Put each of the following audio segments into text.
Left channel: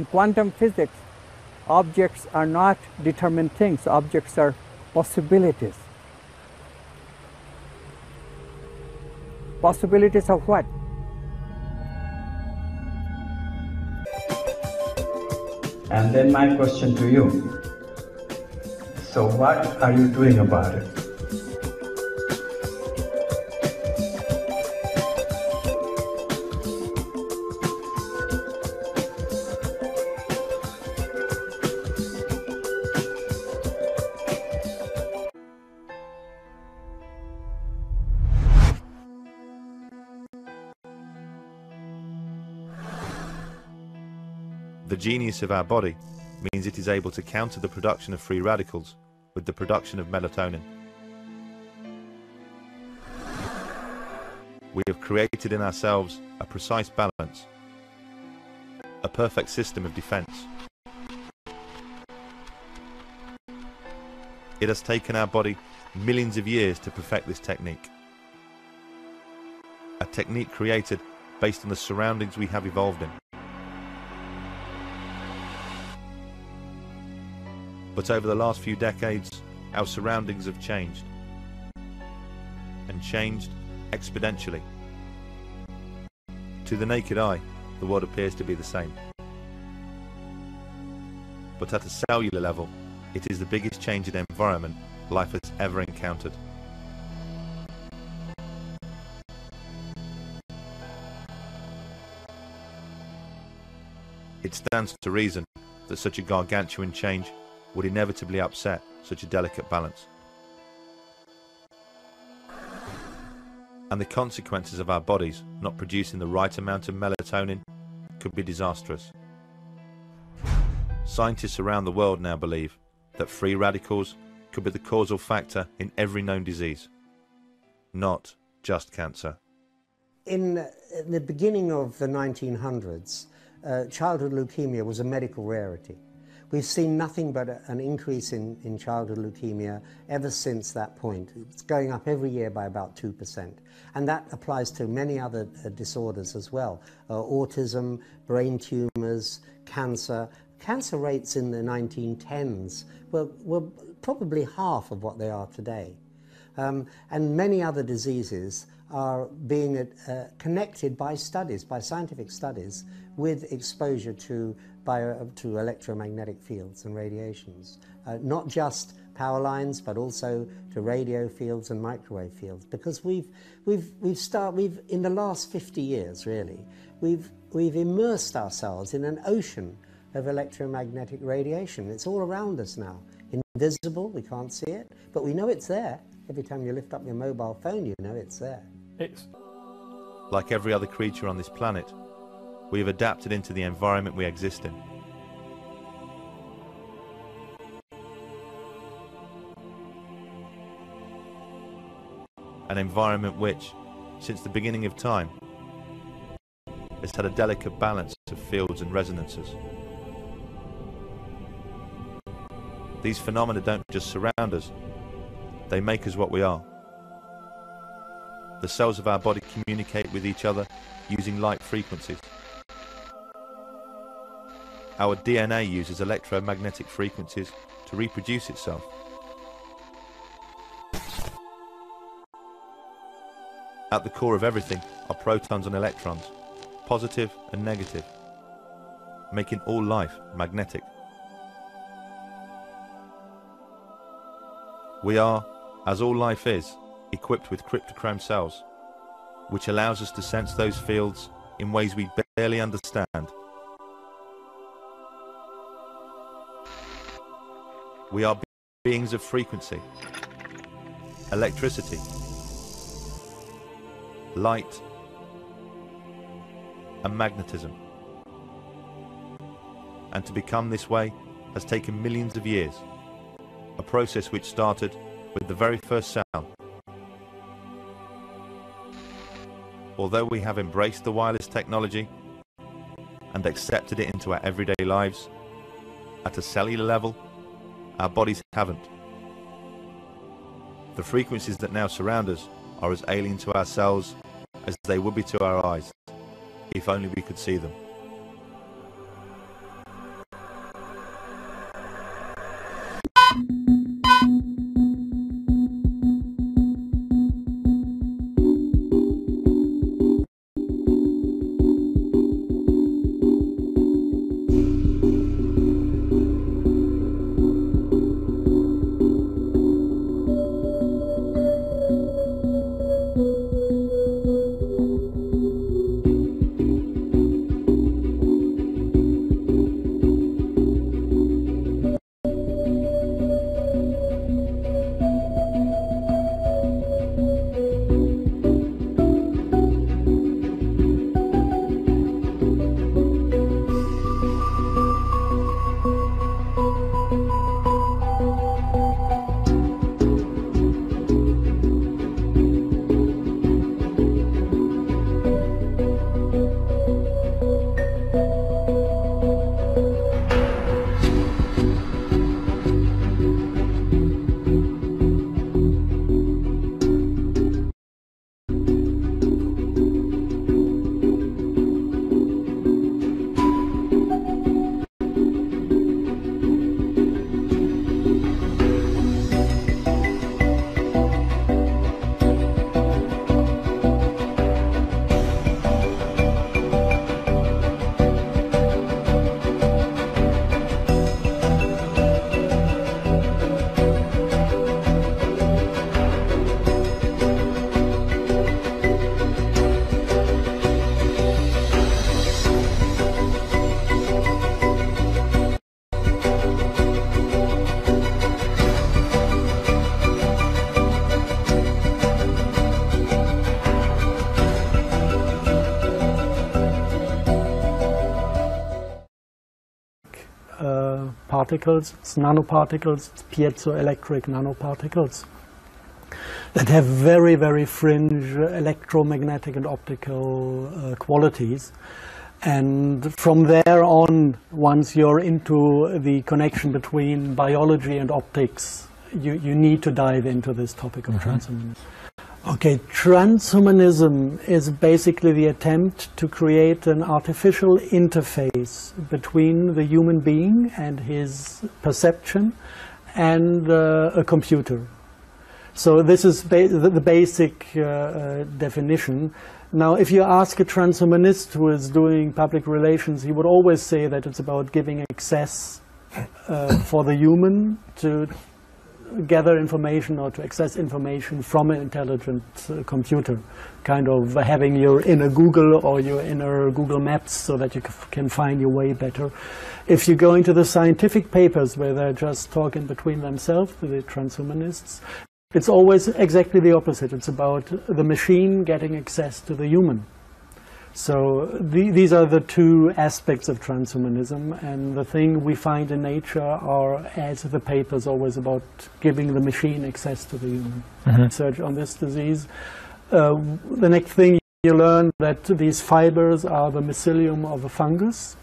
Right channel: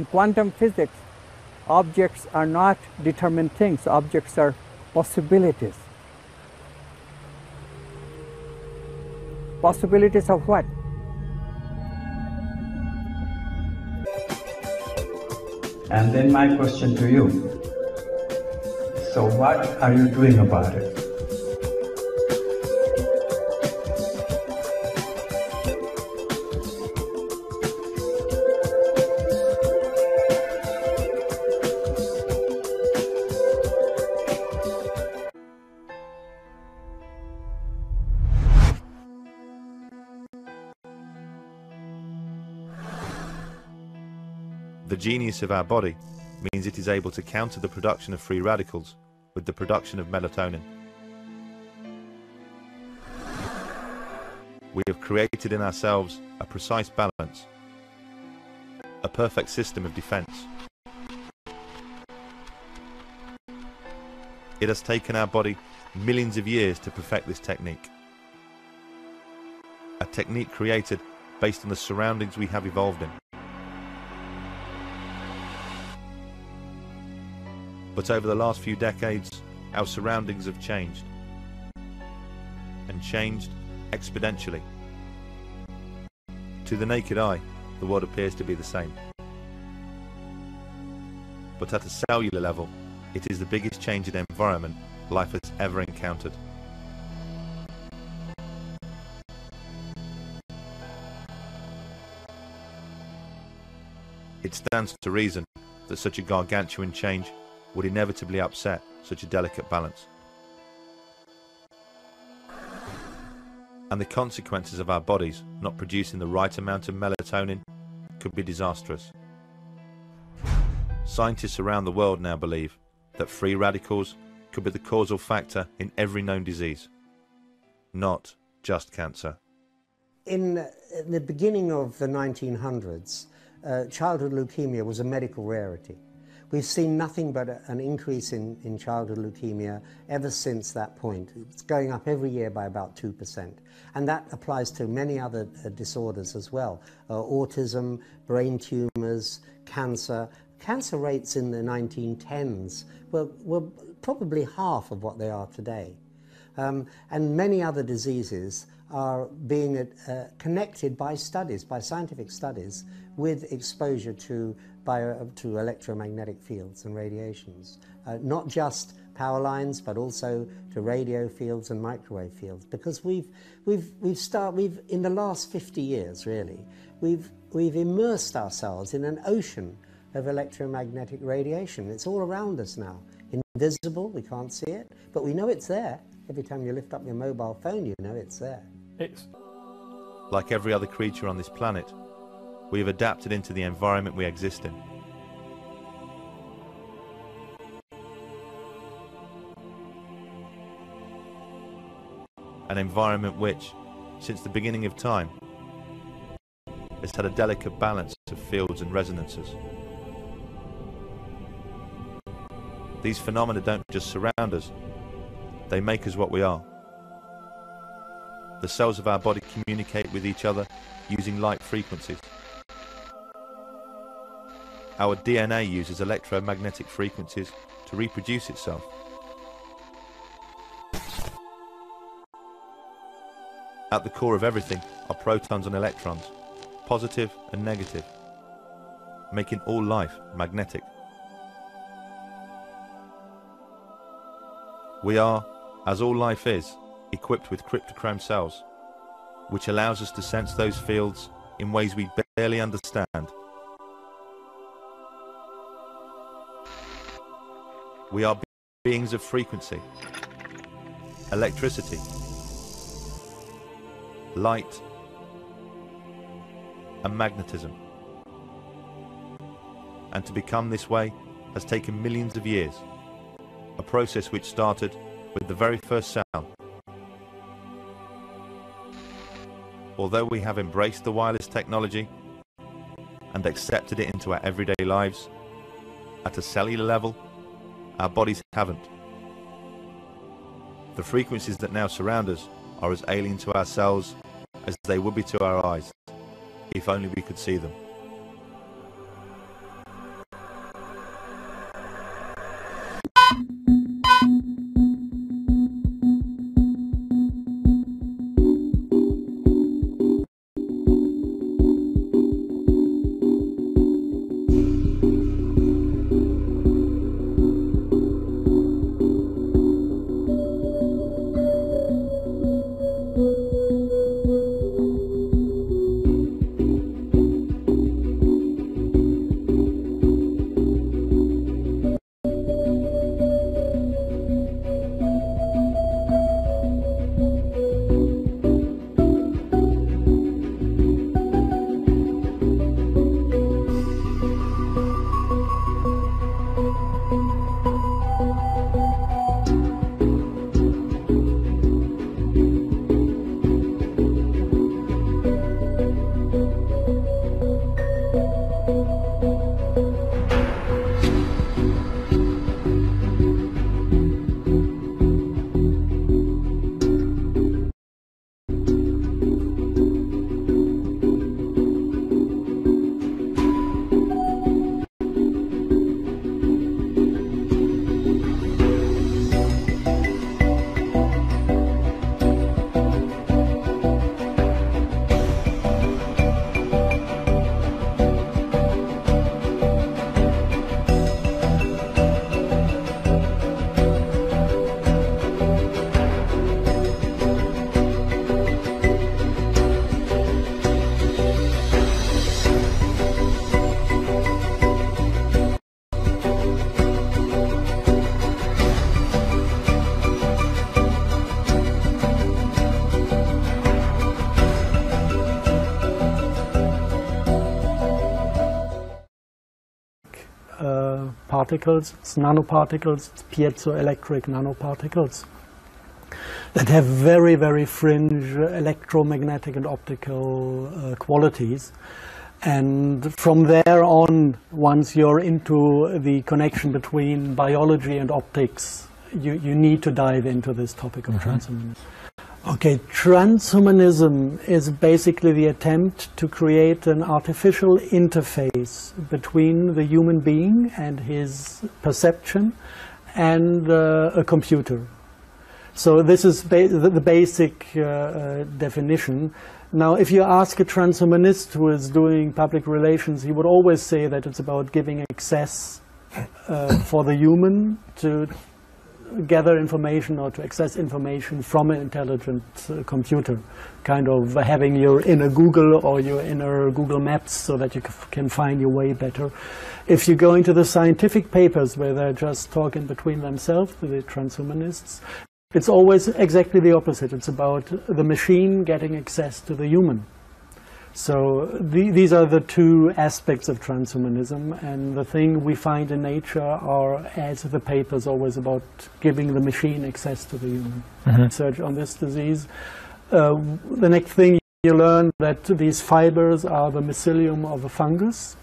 In quantum physics, objects are not determined things, objects are possibilities. Possibilities of what? And then my question to you. So what are you doing about it? The genius of our body means it is able to counter the production of free radicals with the production of melatonin. We have created in ourselves a precise balance, a perfect system of defense. It has taken our body millions of years to perfect this technique. A technique created based on the surroundings we have evolved in. But over the last few decades, our surroundings have changed, and changed exponentially. To the naked eye, the world appears to be the same. But at a cellular level, it is the biggest change in environment life has ever encountered. It stands to reason that such a gargantuan change would inevitably upset such a delicate balance. And the consequences of our bodies not producing the right amount of melatonin could be disastrous. Scientists around the world now believe that free radicals could be the causal factor in every known disease, not just cancer. In the beginning of the 1900s, childhood leukemia was a medical rarity. We've seen nothing but an increase in childhood leukemia ever since that point. It's going up every year by about 2%. And that applies to many other disorders as well. Autism, brain tumors, cancer. Cancer rates in the 1910s were probably half of what they are today. And many other diseases are being connected by studies, by scientific studies, with exposure to electromagnetic fields and radiations. Not just power lines, but also to radio fields and microwave fields. Because we've in the last 50 years, really, we've immersed ourselves in an ocean of electromagnetic radiation. It's all around us now. Invisible, we can't see it, but we know it's there. Every time you lift up your mobile phone, you know it's there. Like every other creature on this planet, we have adapted into the environment we exist in. An environment which, since the beginning of time, has had a delicate balance of fields and resonances. These phenomena don't just surround us, they make us what we are. The cells of our body communicate with each other using light frequencies. Our DNA uses electromagnetic frequencies to reproduce itself. At the core of everything are protons and electrons, positive and negative, making all life magnetic. We are, as all life is, equipped with cryptochrome cells, which allows us to sense those fields in ways we barely understand. We are beings of frequency, electricity, light, and magnetism. And to become this way has taken millions of years, a process which started with the very first cell. Although we have embraced the wireless technology and accepted it into our everyday lives, at a cellular level, our bodies haven't. The frequencies that now surround us are as alien to our cells as they would be to our eyes, if only we could see them. particles, it's nanoparticles, it's piezoelectric nanoparticles that have very, very fringe electromagnetic and optical qualities. And from there on, once you're into the connection between biology and optics, you need to dive into this topic of transhumanism. Okay, transhumanism is basically the attempt to create an artificial interface between the human being and his perception and a computer. So this is the basic definition. Now, if you ask a transhumanist who is doing public relations, he would always say that it's about giving access for the human to gather information or to access information from an intelligent computer, kind of having your inner Google or your inner Google Maps so that you can find your way better. If you go into the scientific papers where they're just talking between themselves, the transhumanists, it's always exactly the opposite. It's about the machine getting access to the human. So these are the two aspects of transhumanism, and the thing we find in nature are, as the papers, always about giving the machine access to the human. Research on this disease. The next thing you learn that these fibers are the mycelium of a fungus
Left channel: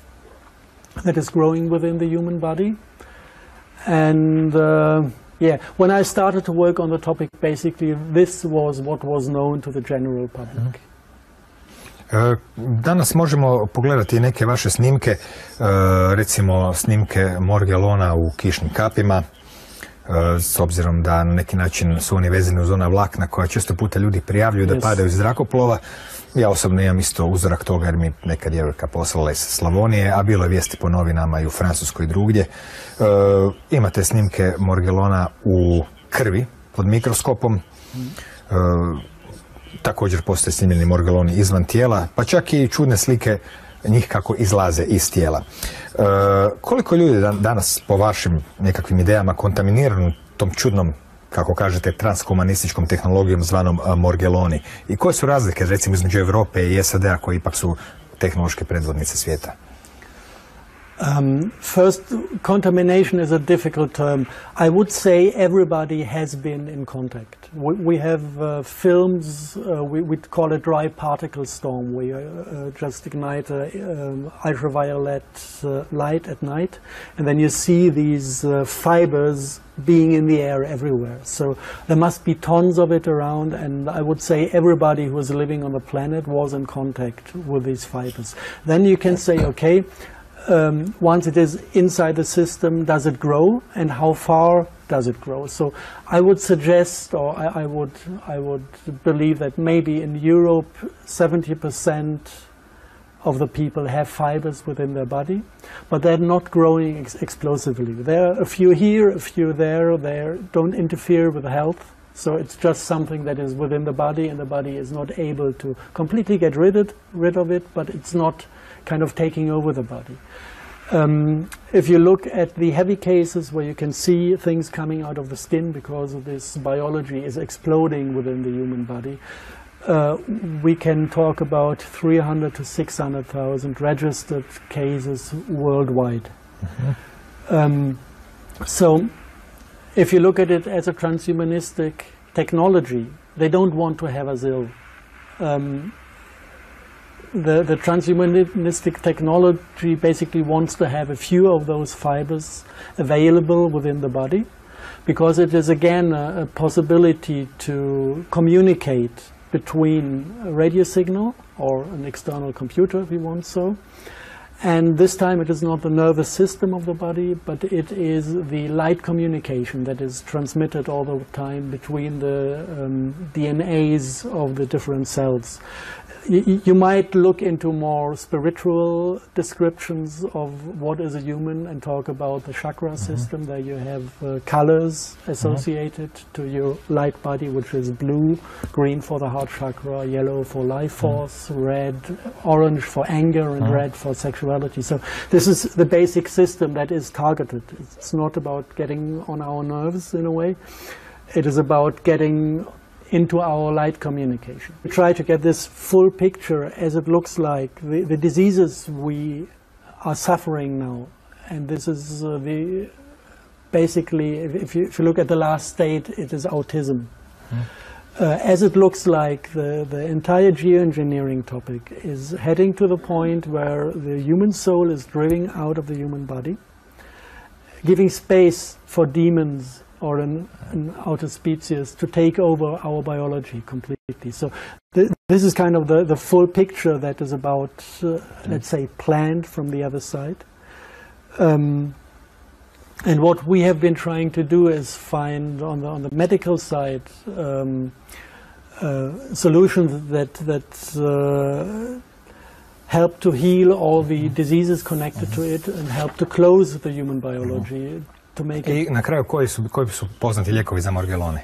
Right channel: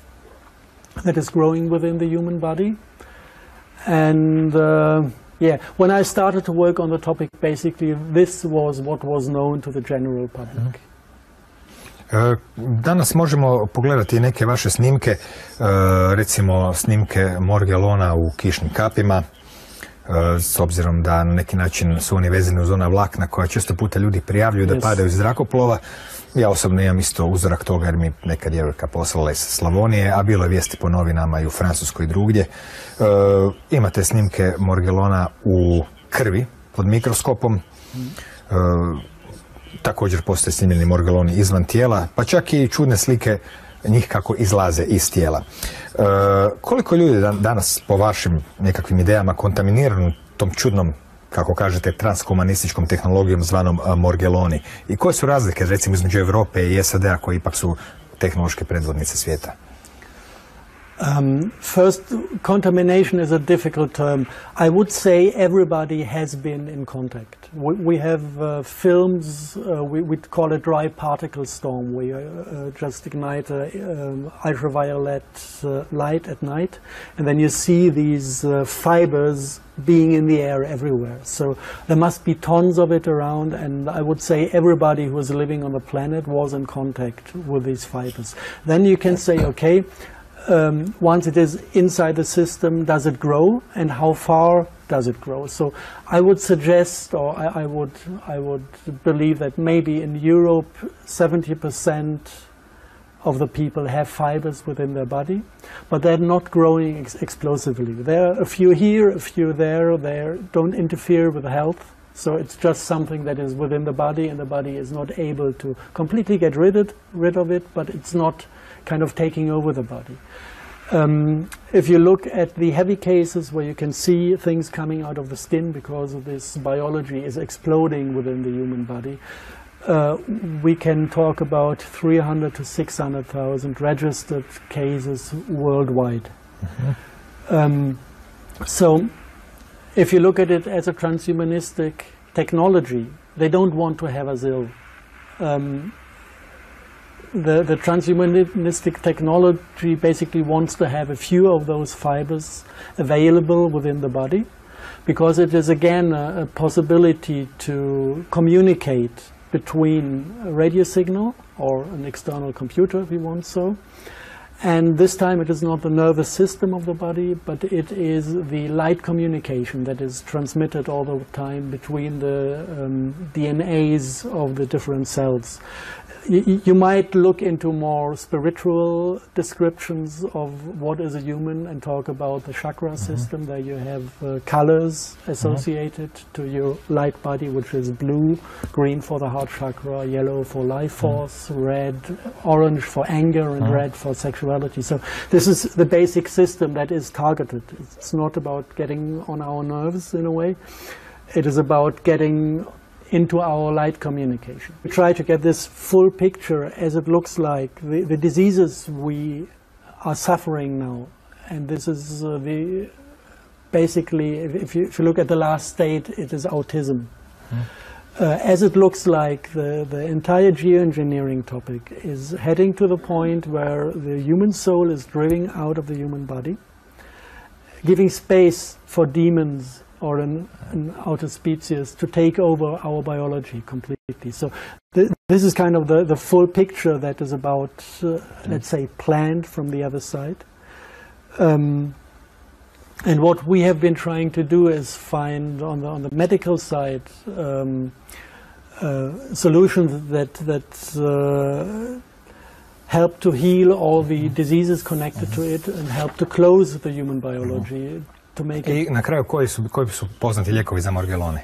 that is growing within the human body. And yeah, when I started to work on the topic, basically this was what was known to the general public. Danas možemo pogledati neke vaše snimke, recimo snimke Morgellona u kišnim kapima, s obzirom da na neki način su oni vezani uz ona vlakna koja često puta ljudi prijavljuju da padaju iz zrakoplova. Ja osobno imam isto uzorak toga jer mi neka djevojka poslala iz Slavonije, a bilo je vijesti po novinama i u Francuskoj i drugdje. Imate snimke Morgellona u krvi pod mikroskopom. Također postoje snimljeni Morgelloni izvan tijela, pa čak i čudne slike njih kako izlaze iz tijela. Koliko ljudi danas po vašim nekakvim idejama kontaminirano tom čudnom, kako kažete, transhumanističkom tehnologijom zvanom Morgelloni? I koje su razlike, recimo, između Europe i SAD-a koji ipak su tehnološke predvodnice svijeta? First, contamination is a difficult term. I would say everybody has been in contact. We have films, we call it dry particle storm, where you just ignite ultraviolet light at night, and then you see these fibers being in the air everywhere. So there must be tons of it around, and I would say everybody who is living on the planet was in contact with these fibers. Then you can say, okay, once it is inside the system, does it grow, and how far does it grow? So I would suggest, or I would believe that maybe in Europe 70% of the people have fibers within their body, but they're not growing explosively. There are a few here, a few there. They don't interfere with health. So it's just something that is within the body, and the body is not able to completely get rid of it, but it's not kind of taking over the body. If you look at the heavy cases where you can see things coming out of the skin because of this biology is exploding within the human body, we can talk about 300 to 600,000 registered cases worldwide. So if you look at it as a transhumanistic technology, they don't want to have us ill. The transhumanistic technology basically wants to have a few of those fibers available within the body, because it is again a possibility to communicate between a radio signal or an external computer, if you want so. And this time it is not the nervous system of the body, but it is the light communication that is transmitted all the time between the DNAs of the different cells. You might look into more spiritual descriptions of what is a human and talk about the chakra system. There you have colors associated to your light body, which is blue, green for the heart chakra, yellow for life force, red, orange for anger, and red for sexuality. So this is the basic system that is targeted. It's not about getting on our nerves in a way. It is about getting into our light communication. We try to get this full picture as it looks like. The diseases we are suffering now and this is basically, if you look at the last state, it is autism. As it looks like, the entire geoengineering topic is heading to the point where the human soul is driving out of the human body, giving space for demons or an outer species to take over our biology completely. So this is kind of the full picture that is about, let's say, planned from the other side. And what we have been trying to do is find on the medical side solutions that help to heal all the diseases connected to it and help to close the human biology. I na kraju, koji su poznati lijekovi za Morgellone?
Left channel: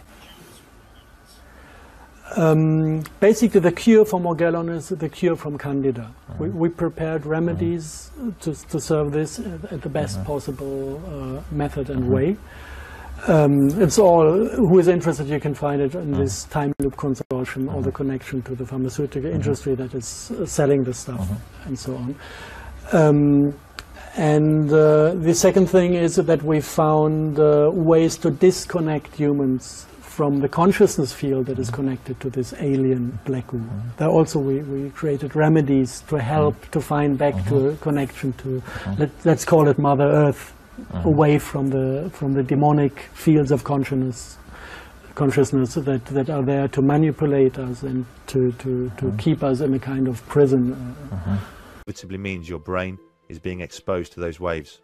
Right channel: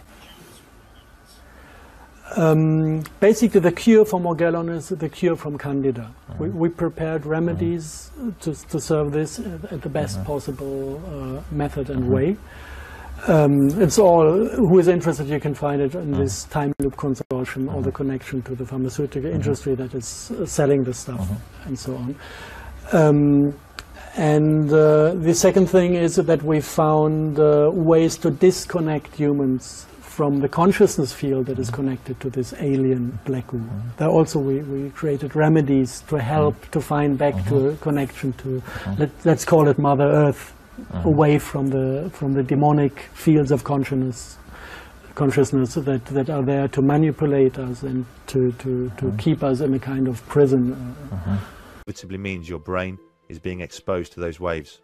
Basically, the cure for Morgellon is the cure from Candida. We prepared remedies to serve this at the best possible method and way. It's all, who is interested, you can find it in this Time Loop Consortium, or the connection to the pharmaceutical industry that is selling the stuff and so on. And the second thing is that we found ways to disconnect humans from the consciousness field that is connected to this alien black goo. There also we created remedies to help to find back to a connection to, let's call it Mother Earth, away from the demonic fields of consciousness that are there to manipulate us and to keep us in a kind of prison. It simply means your brain is being exposed to those waves.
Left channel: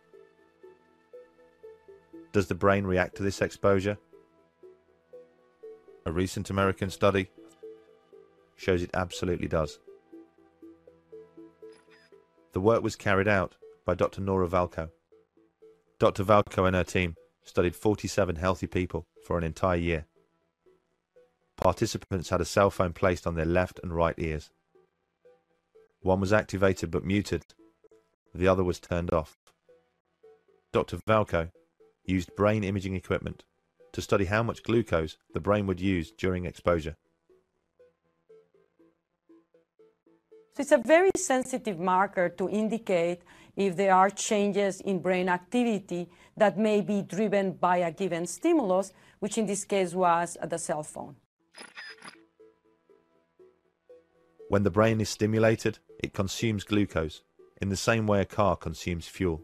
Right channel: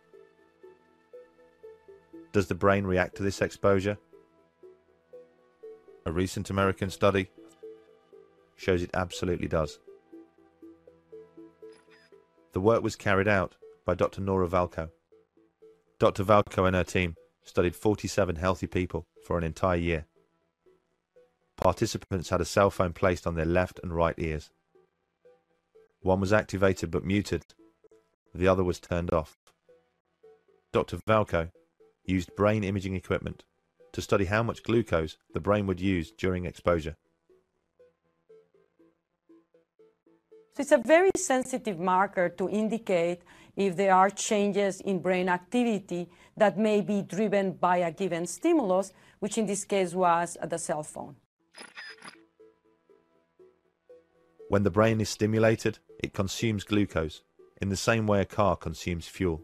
Does the brain react to this exposure? A recent American study shows it absolutely does. The work was carried out by Dr. Nora Valko. Dr. Valko and her team studied 47 healthy people for an entire year. Participants had a cell phone placed on their left and right ears. One was activated but muted. The other was turned off. Dr. Valko used brain imaging equipment to study how much glucose the brain would use during exposure. So it's a very sensitive marker to indicate if there are changes in brain activity that may be driven by a given stimulus, which in this case was the cell phone. When the brain is stimulated, it consumes glucose in the same way a car consumes fuel.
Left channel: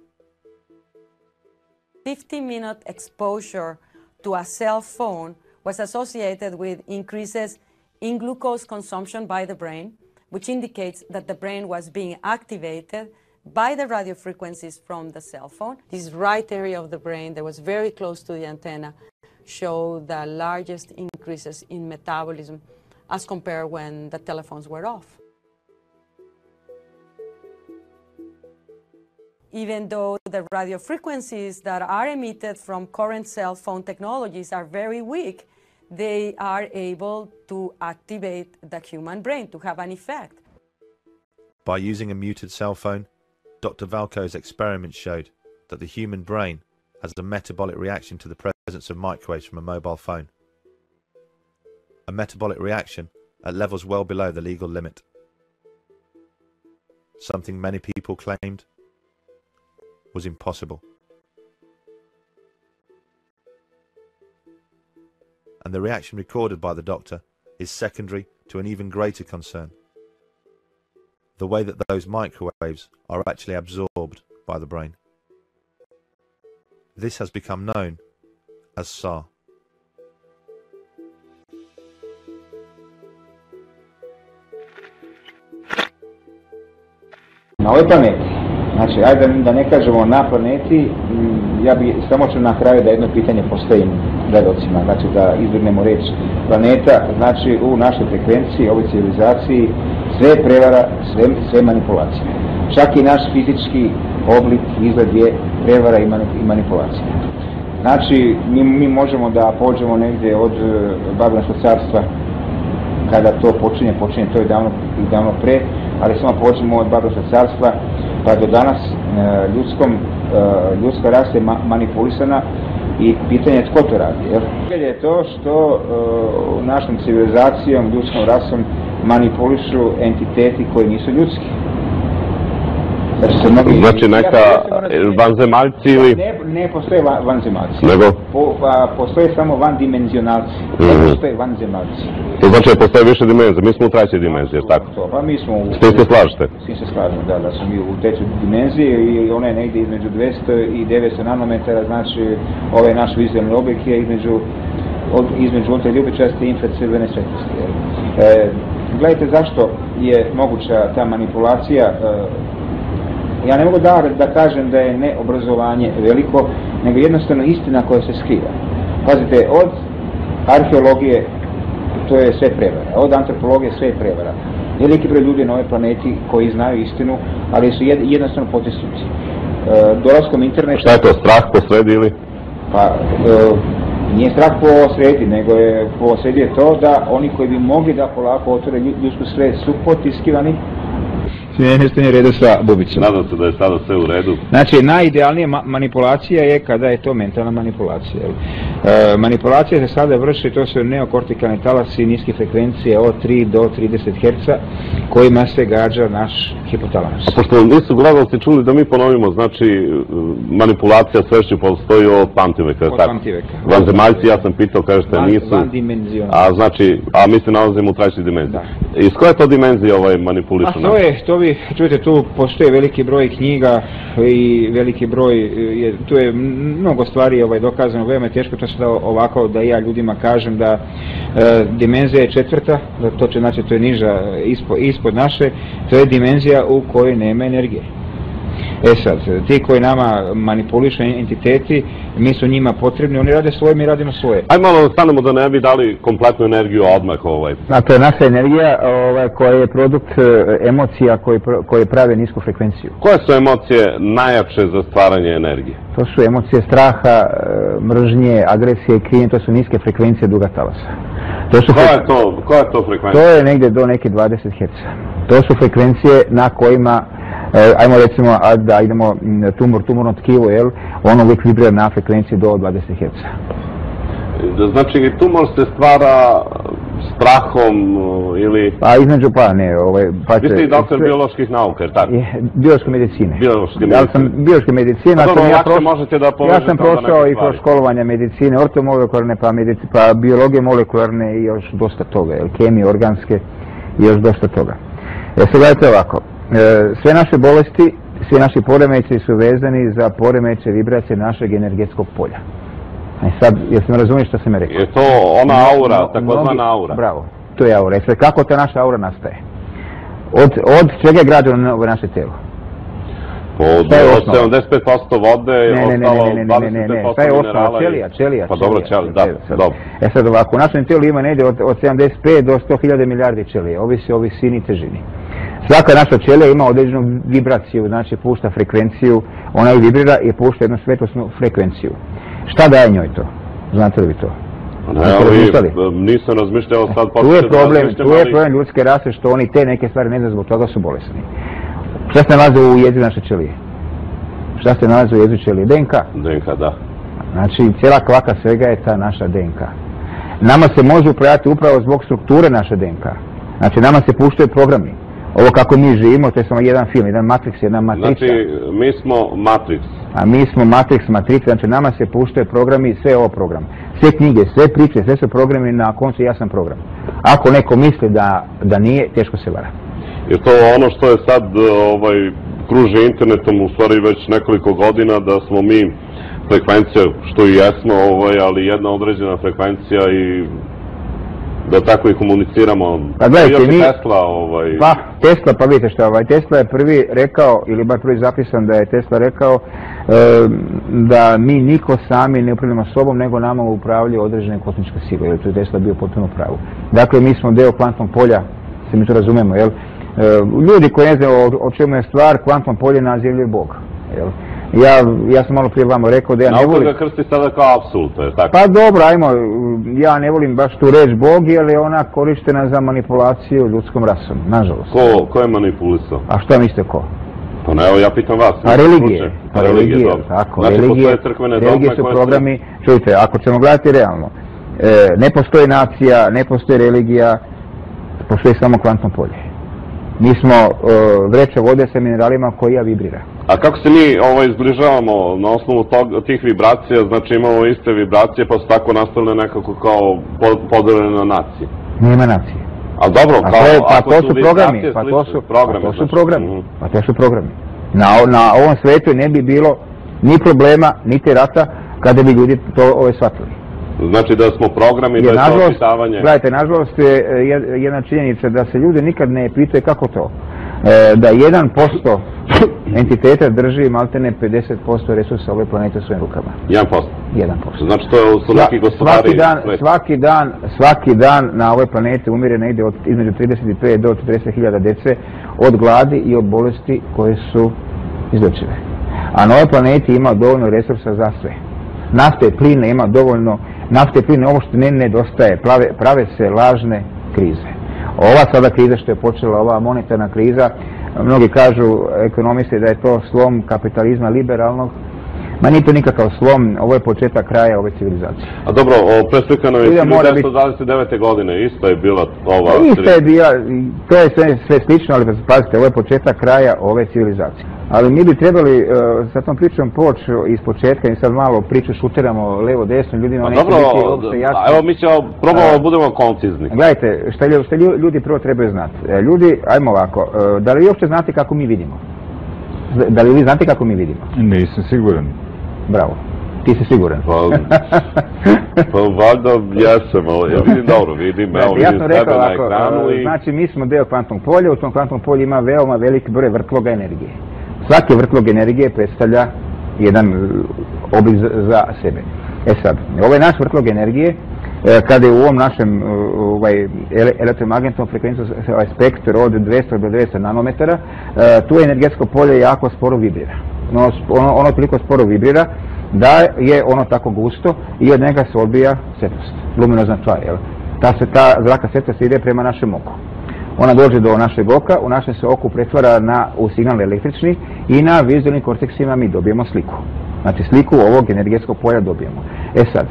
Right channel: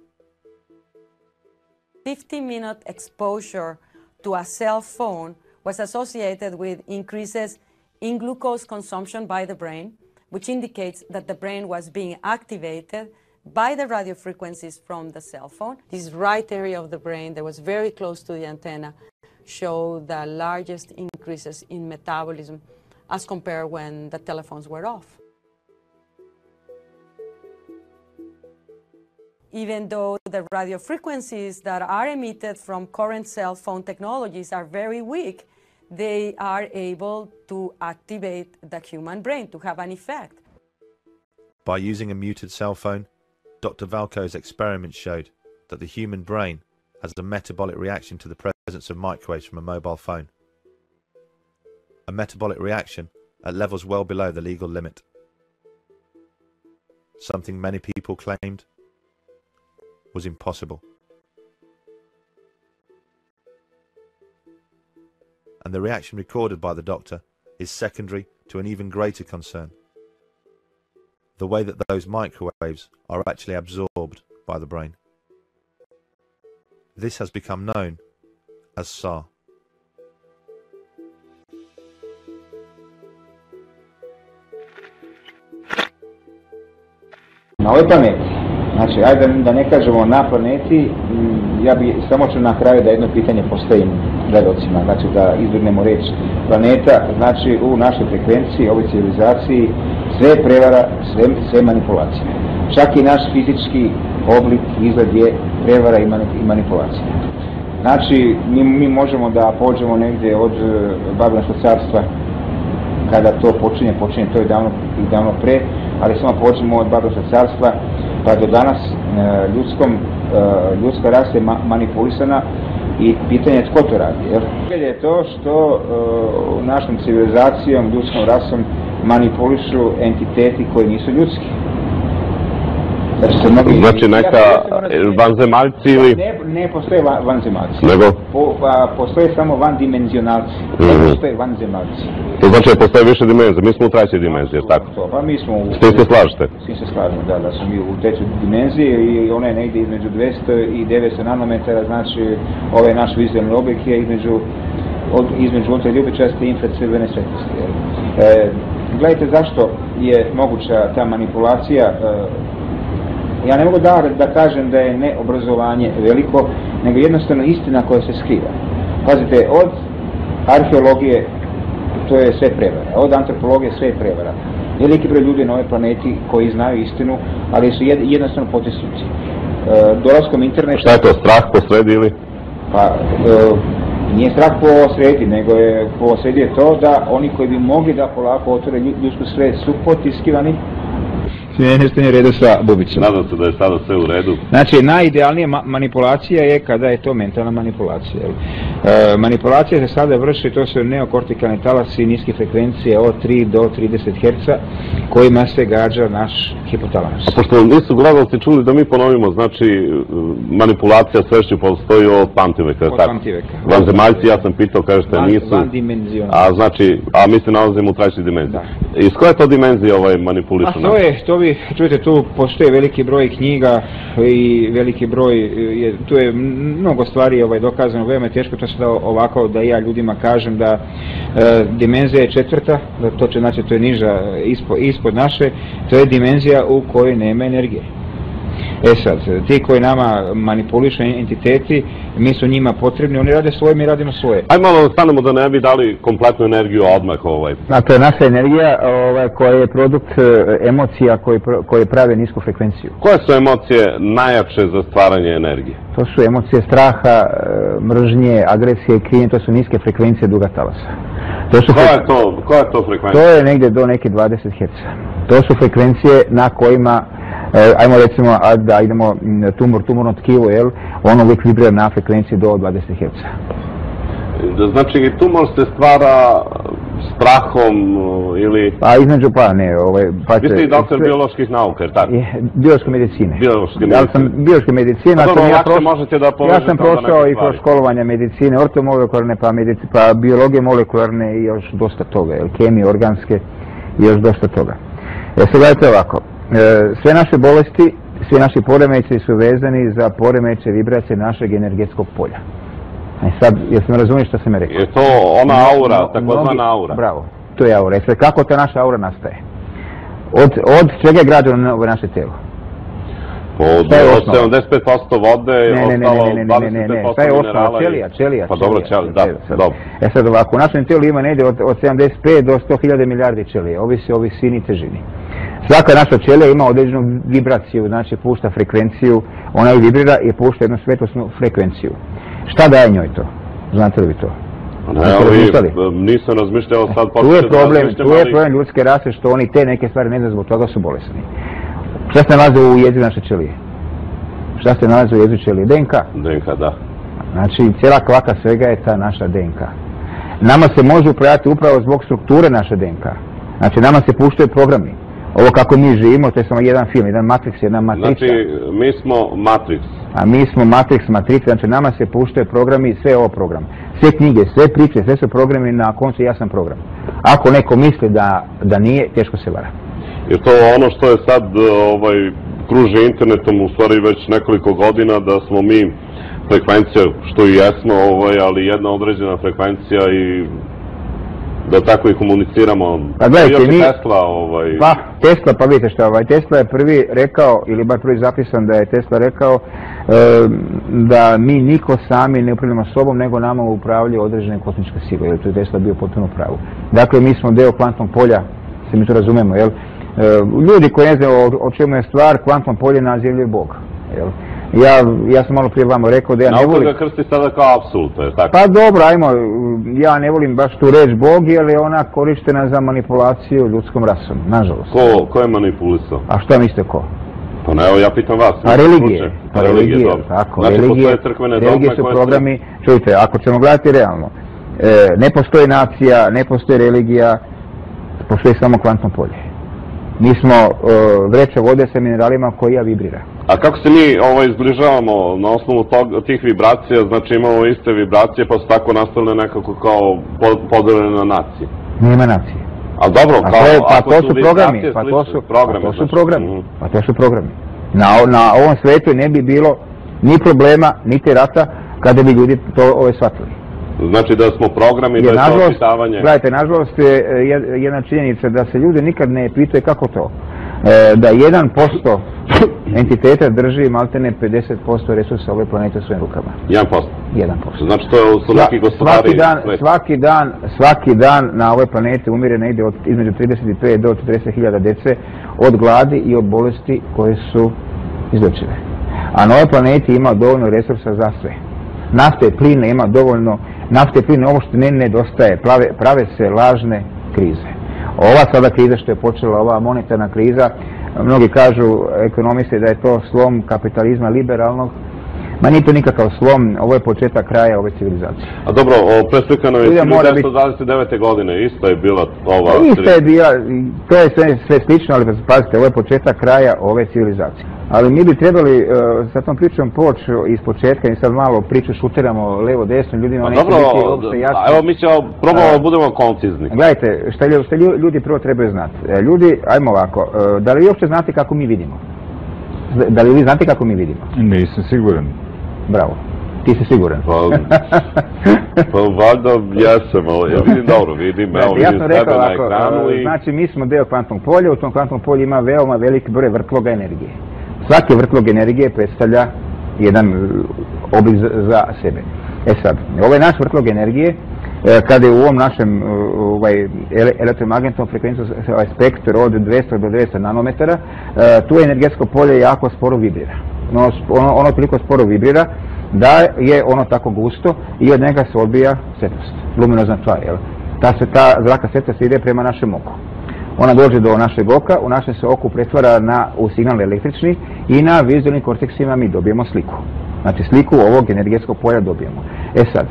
50-minute exposure to a cell phone was associated with increases in glucose consumption by the brain, which indicates that the brain was being activated by the radio frequencies from the cell phone. This right area of the brain that was very close to the antenna showed the largest increases in metabolism as compared when the telephones were off. Even though the radio frequencies that are emitted from current cell phone technologies are very weak, they are able to activate the human brain to have an effect. By using a muted cell phone, Dr. Valko's experiments showed that the human brain has a metabolic reaction to the presence of microwaves from a mobile phone. A metabolic reaction at levels well below the legal limit. Something many people claimed was impossible. And the reaction recorded by the doctor is secondary to an even greater concern: the way that those microwaves are actually absorbed by the brain. This has become known as SAR. Na ovoj planeti, znači, ajde da ne kažemo na planeti, ja bi samo ću na kraju da jedno pitanje postavim gledalcima, znači da izbjegnemo reč planeta, znači u našoj frekvenciji, ovoj civilizaciji, sve je prevara, sve manipulacija. Čak i naš fizički oblik, izgled je prevara i manipulacija. Znači, mi možemo da pođemo negdje od Babilonskog carstva, kada to počinje to je davno pre, ali samo pođemo od Babilonskog carstva pa do danas ljudska rasa je manipulisana i pitanje je tko to radi. Je to što našom civilizacijom, ljudskom rasom manipulišu entiteti koji nisu ljudski. Znači neka vanzemaljci ili... Ne postoje vanzemaljci. Nego? Postoje samo vandimenzionalci. Ne postoje vanzemaljci. To znači da postoje više dimenzije. Mi smo u trećoj dimenziji, tako? Pa mi smo u... S tim se slažete? S tim se slažem, da smo mi u trećoj dimenziji i ona je negdje između 200 i 900 nanometara, znači ovaj naš vizualni objekt je između ultraljubičaste i infracrvene svjetlosti. Gledajte zašto je moguća ta manipulacija. Ja ne mogu da kažem da je neobrazovanje veliko, nego jednostavno istina koja se skriva. Pazite, od arheologije to je sve prevara, od antropologije sve je prevara. Veliki broj ljudi na ovoj planeti koji znaju istinu, ali su jednostavno potisnuti. Dolaskom interneta... Šta je to, strah posredi ili? Pa, nije strah posredi, nego je posredi je to da oni koji bi mogli da polako otvore ljudsku svijest su potiskivani. Nešto nije u redu sa bubicom. Nadam se da je sada sve u redu. Znači, najidealnija manipulacija je kada je to mentalna manipulacija. Manipulacija se sada vrši, to su neokortikalni talasi niske frekvencije od 3 do 30 Hz kojima se gađa naš hipotalamus. Pošto nisu gledalci čuli da mi ponovimo, znači manipulacija svešću postoji od pamtiveka. Od pamtiveka. Vanzemaljci, ja sam pitao, kažete nisu. Vandimenzionalni. A znači, mi se nalazimo u trećoj dimenziji. Iz koje to dimenzije manipulišu? Čujte, tu postoje veliki broj knjiga i veliki broj, tu je mnogo stvari dokazano, veoma je teško to sada ovako da ja ljudima kažem da dimenzija je četvrta, znači to je niža ispod naše, to je dimenzija u kojoj nema energije. Sad, ti koji nama manipulišu entiteti, mi su njima potrebni, oni rade svoje, mi radimo svoje. Ajde malo stanemo da ne bi dali kompletnu energiju odmah. A to je naša energija koja je produkt emocija koje prave nisku frekvenciju. Koje su emocije najjače za stvaranje energije? To su emocije straha, mržnje, agresije i krivnje, to su niske frekvencije duga talasa. Koja je to frekvencija? To je negdje do neke 20 Hz. To su frekvencije na kojima ajmo recimo da idemo tumorno tkivo, ono uvijek vibrira na frekvenciji do 20 Hz. Znači tumor se stvara strahom ili... Pa između Vi ste i doktor bioloških nauka, jer tako? Biološke medicine. Biološke medicine. Ja sam prošao i kroz školovanja medicine, ortomolekularne, pa biologije molekularne i još dosta toga, kemije organske i još dosta toga. Sad gledajte ovako. Sve naše bolesti, svi naši poremećaji su vezani za poremećaj vibracije našeg energetskog polja. Sad, jel se me razumiješ što sam me rekao? Je to ona aura, takozvana aura? Bravo, to je aura. Sad, kako ta naša aura nastaje? Od čega je građeno naše telo? Od 75% vode, ostalo 20% minerala. Čelija. Pa dobro, dobro. Sad ovako, u našem tijelu ima negdje od 75 do 100.000 milijardi ćelija, ovisi o visini i težini. Svaka naša ćelija ima određenu vibraciju, znači pušta frekvenciju, ona ju vibrira i pušta jednu svetlosnu frekvenciju. Šta daje njoj to? Znate li vi to? Nisam razmišljao sad. Tu je problem ljudske rase što oni te neke stvari ne znaju, zbog toga su bolesni. Šta se nalazi u jezgri naše ćelije? Šta se nalazi u jezgri ćelije? DNK. DNK, da. Znači, cijela kvaka svega je ta naša DNK. Nama se može upravljati upravo zbog strukture naše DNK. Znači, nama se puštaju programi. Ovo kako mi živimo, to je samo jedan film, jedan Matrix, jedna matrica. Znači, mi smo Matrix. A mi smo Matrix, matrica, znači nama se puštaju programi, sve je ovo program. Sve knjige, sve priče, sve su programi, na koncu ja sam program. Ako neko misli da nije, teško se vara. Jer to ono što je sad kruži internetom u stvari već nekoliko godina, da smo mi frekvencija, što i jesmo, ali jedna određena frekvencija i da tako i komuniciramo. Pa gledajte, Tesla, pa vidite što, Tesla je prvi rekao, ili bar prvi zapisan da je Tesla rekao da mi niko sami ne upravljamo sobom, nego nama upravljaju određene kosmičke sile, jer tu je Tesla bio potpuno pravu. Dakle, mi smo deo kvantnog polja, se mi to razumemo, jel? Ljudi koji ne znaju o čemu je stvar, kvantno polje nazivljaju Bog, jel? Ja sam malo prije vama rekao da ja ne volim... Nauka ga krsti sada kao apsolutno, je tako? Pa dobro, ajmo, ja ne volim baš tu reč Bog, jer je ona korištena za manipulaciju ljudskom rasom, nažalost. Ko je manipulisao? A šta mislite ko? Pa ne, evo ja pitam vas. A religije, tako, religije su programi, čujte, ako ćemo gledati realno, ne postoji nacija, ne postoji religija, postoji samo kvantno polje. Mi smo vreća vode sa mineralima koja vibrira. A kako se mi izbližavamo na osnovu tih vibracija, znači imamo iste vibracije pa su tako nastavljene nekako kao podeljene na nacije? Nema nacije. A dobro, to su programi, to su programi. Na ovom svijetu ne bi bilo ni problema, niti rata, kada bi ljudi to shvatili. Znači da smo programi, da je to pitavanje... Gledajte, nažalost je jedna činjenica da se ljudi nikad ne pitaju kako to. Da 1% entiteta drži maltene 50% resursa ove planete u svojim rukama. 1%? 1%. Znači to su neki gospodari... Svaki dan na ovoj planeti umire negdje između 35 do 40.000 djece od gladi i od bolesti koje su izlečive. A na ovoj planeti ima dovoljno resursa za sve. Nafte i pline ima dovoljno, nafte i pline ovo što ne nedostaje, prave se lažne krize. Ova sada kriza što je počela, ova monetarna kriza, mnogi kažu ekonomisti da je to slom kapitalizma liberalnog, ma nije to nikakav slom, ovo je početak kraja ove civilizacije. A dobro, preslikano je 1929. godine, isto je bila ova... Isto je bila, to je sve slično, ali pazite, ovo je početak kraja ove civilizacije. Ali mi bi trebali sa tom pričom poći iz početka i sad malo priču šuteramo levo desno, ljudima neće biti uopšte jasno. Evo mi ćemo probamo da budemo koncizni. Gledajte, šta ljudi prvo trebaju znati. Ljudi, ajmo ovako, da li vi uopšte znate kako mi vidimo? Da li vi znate kako mi vidimo? Nisam siguran. Bravo. Ti si siguran? Pa valjda jesam, ali ja vidim dobro, vidim, evo vidim sebe na ekranu i... Znači mi smo deo kvantnog polja, u tom kvantnom polju ima veoma veliki broj vrtloga energije. Svaki vrtlog energije predstavlja jedan oblik za sebe. Sad, ovaj naš vrtlog energije, kada je u ovom našem elektromagnetnom frekvencijskom spektru od 200 do 200 nanometara, tu energetsko polje jako sporo vibrira. Ono toliko sporo vibrira da je ono tako gusto i od njega se odbija svjetlost, luminozna tvar. Ta zraka svjetlost ide prema našem oku. Ona dođe do našeg oka, u našem se oku pretvara u signal električni i na vizualnim korteksima mi dobijemo sliku. Znači sliku ovog energetskog polja dobijemo. Sad,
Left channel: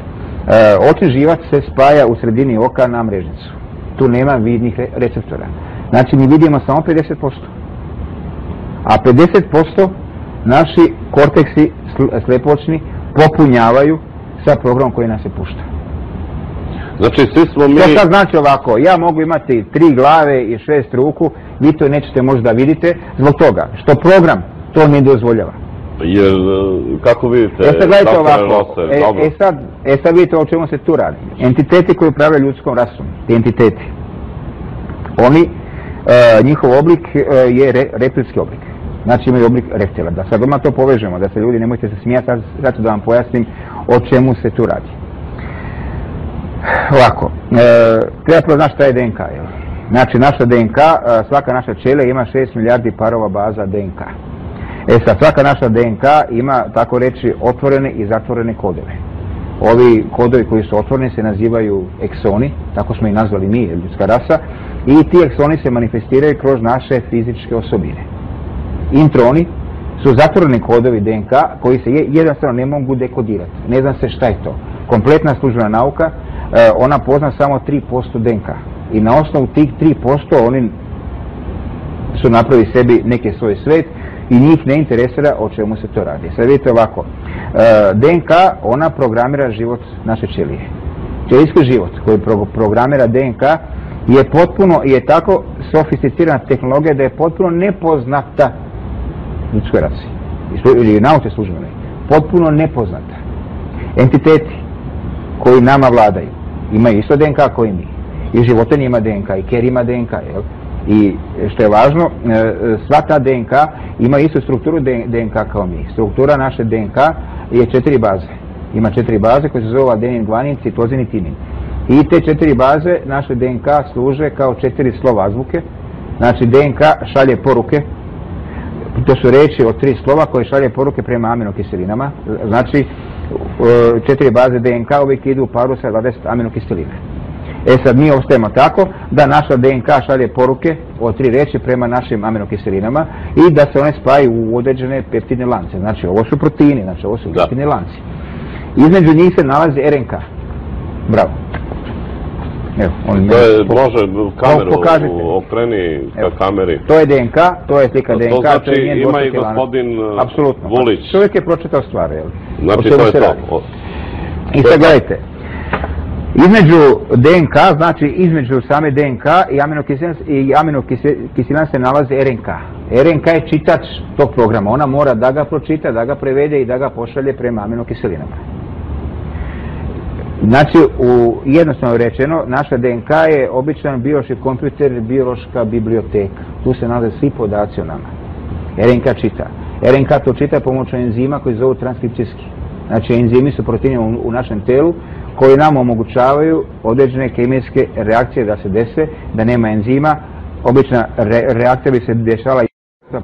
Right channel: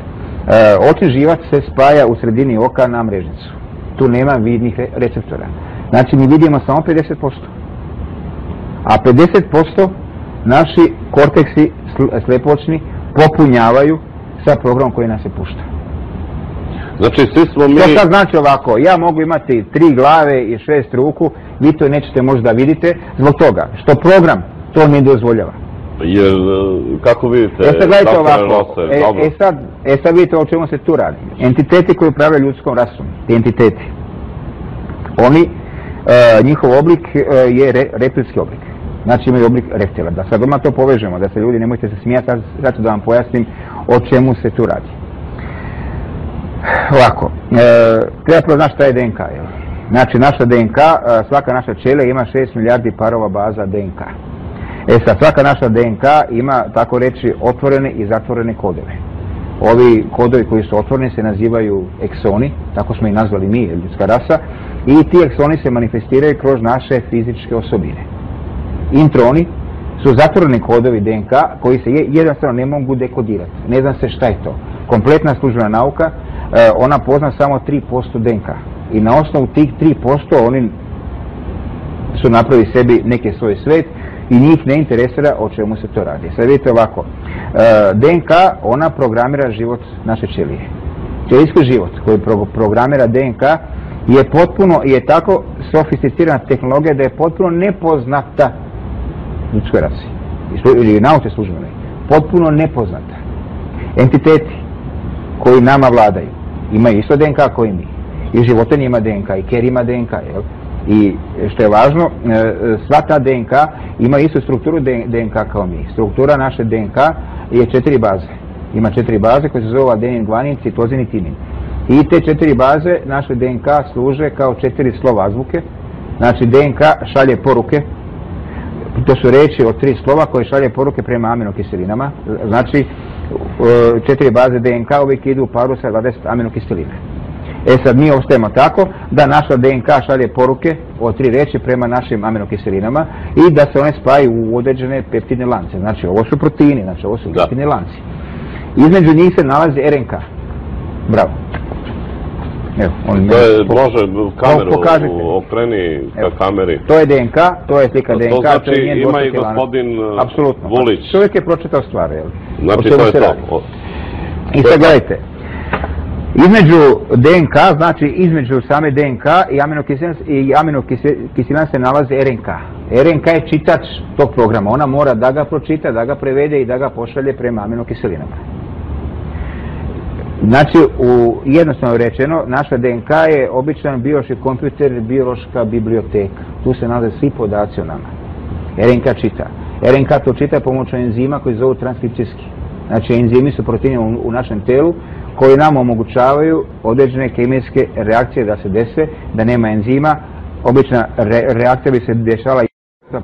očni živac se spaja u sredini oka na mrežnicu. Tu nema vidnih receptora. Znači mi vidimo samo 50%. A 50% naši korteksi slepočni popunjavaju sa programom koji nas se pušta. Znači svi smo mi... To sad znači ovako, ja mogu imati 3 glave i 6 ruku, vi to nećete možda vidite, zbog toga što program to ne dozvoljava. Jer, kako vidite, sad gledajte ovako, sad vidite o čemu se tu radi. Entiteti koji upravljaju ljudskom rasom, ti entiteti, oni, njihov oblik je reptilski oblik. Znači imaju oblik reptila. Da sad odmah to povežemo, da se ljudi nemojte se smijati, zato da vam pojasnim o čemu se tu radi. Ovako, treba prvo znati šta je DNK. Znači naša DNK, svaka naša ćelija ima 6 milijardi parova baza DNK. Sad, svaka naša DNK ima, tako reći, otvorene i zatvorene kodove. Ovi kodovi koji su otvoreni se nazivaju eksoni, tako smo ih nazvali mi, ljudska rasa, i ti eksoni se manifestiraju kroz naše fizičke osobine. Introni su zatvoreni kodovi DNK koji se jednostavno ne mogu dekodirati. Ne zna se šta je to. Kompletna službena nauka, ona pozna samo 3% DNK. I na osnovu tih 3% oni su napravili sebi neki svoj svet i njih ne interesira o čemu se to radi. Sad vidite ovako, DNK ona programira život naše ćelije. Ćelijski život koji programira DNK je tako sofisticirana tehnologija da je potpuno nepoznata ljudskoj rasi ili nauci službenoj. Potpuno nepoznata. Entiteti koji nama vladaju imaju isto DNK koji mi. I životinja ima DNK, i ker ima DNK, jel? I što je važno, sva ta DNK ima istu strukturu DNK kao mi. Struktura naše DNK je 4 baze. Ima 4 baze koje se zove adenin, guanin, citozin i tinin. I te 4 baze naše DNK služe kao 4 slova azbuke. Znači DNK šalje poruke. To su riječi od 3 slova koje šalje poruke prema aminokiselinama. Znači 4 baze DNK uvijek idu u paru sa 20 aminokiselina. Sad mi ostajemo tako da naša DNK šalje poruke od 3 riječi prema našim aminokiselinama i da se one spaju u određene peptidne lance. Znači ovo su proteini, znači ovo su peptidne lanci. Između njih se nalazi RNK. Bravo. Evo, on To je, može, kameru okreni ka kameri. To je DNK, to je slika DNK. To znači ima i gospodin Vulić. Čovjek je pročitao stvari, jel? Znači to je to. I sad gledajte, između DNK, znači između same DNK i aminokiselina se nalazi RNK. RNK je čitač tog programa, ona mora da ga pročita, da ga prevede i da ga pošalje prema aminokiselinama. Znači, jednostavno rečeno, naša DNK je običan biološki kompjuter, biološka biblioteka. Tu se nalaze svi podaci o nama. RNK čita. RNK to čita pomoću enzima koji zovu transkripcijski. Znači, enzimi su proteini u našem telu koji nam omogućavaju određene kemijske reakcije da se dese, da nema enzima. Obična reakcija bi se dešala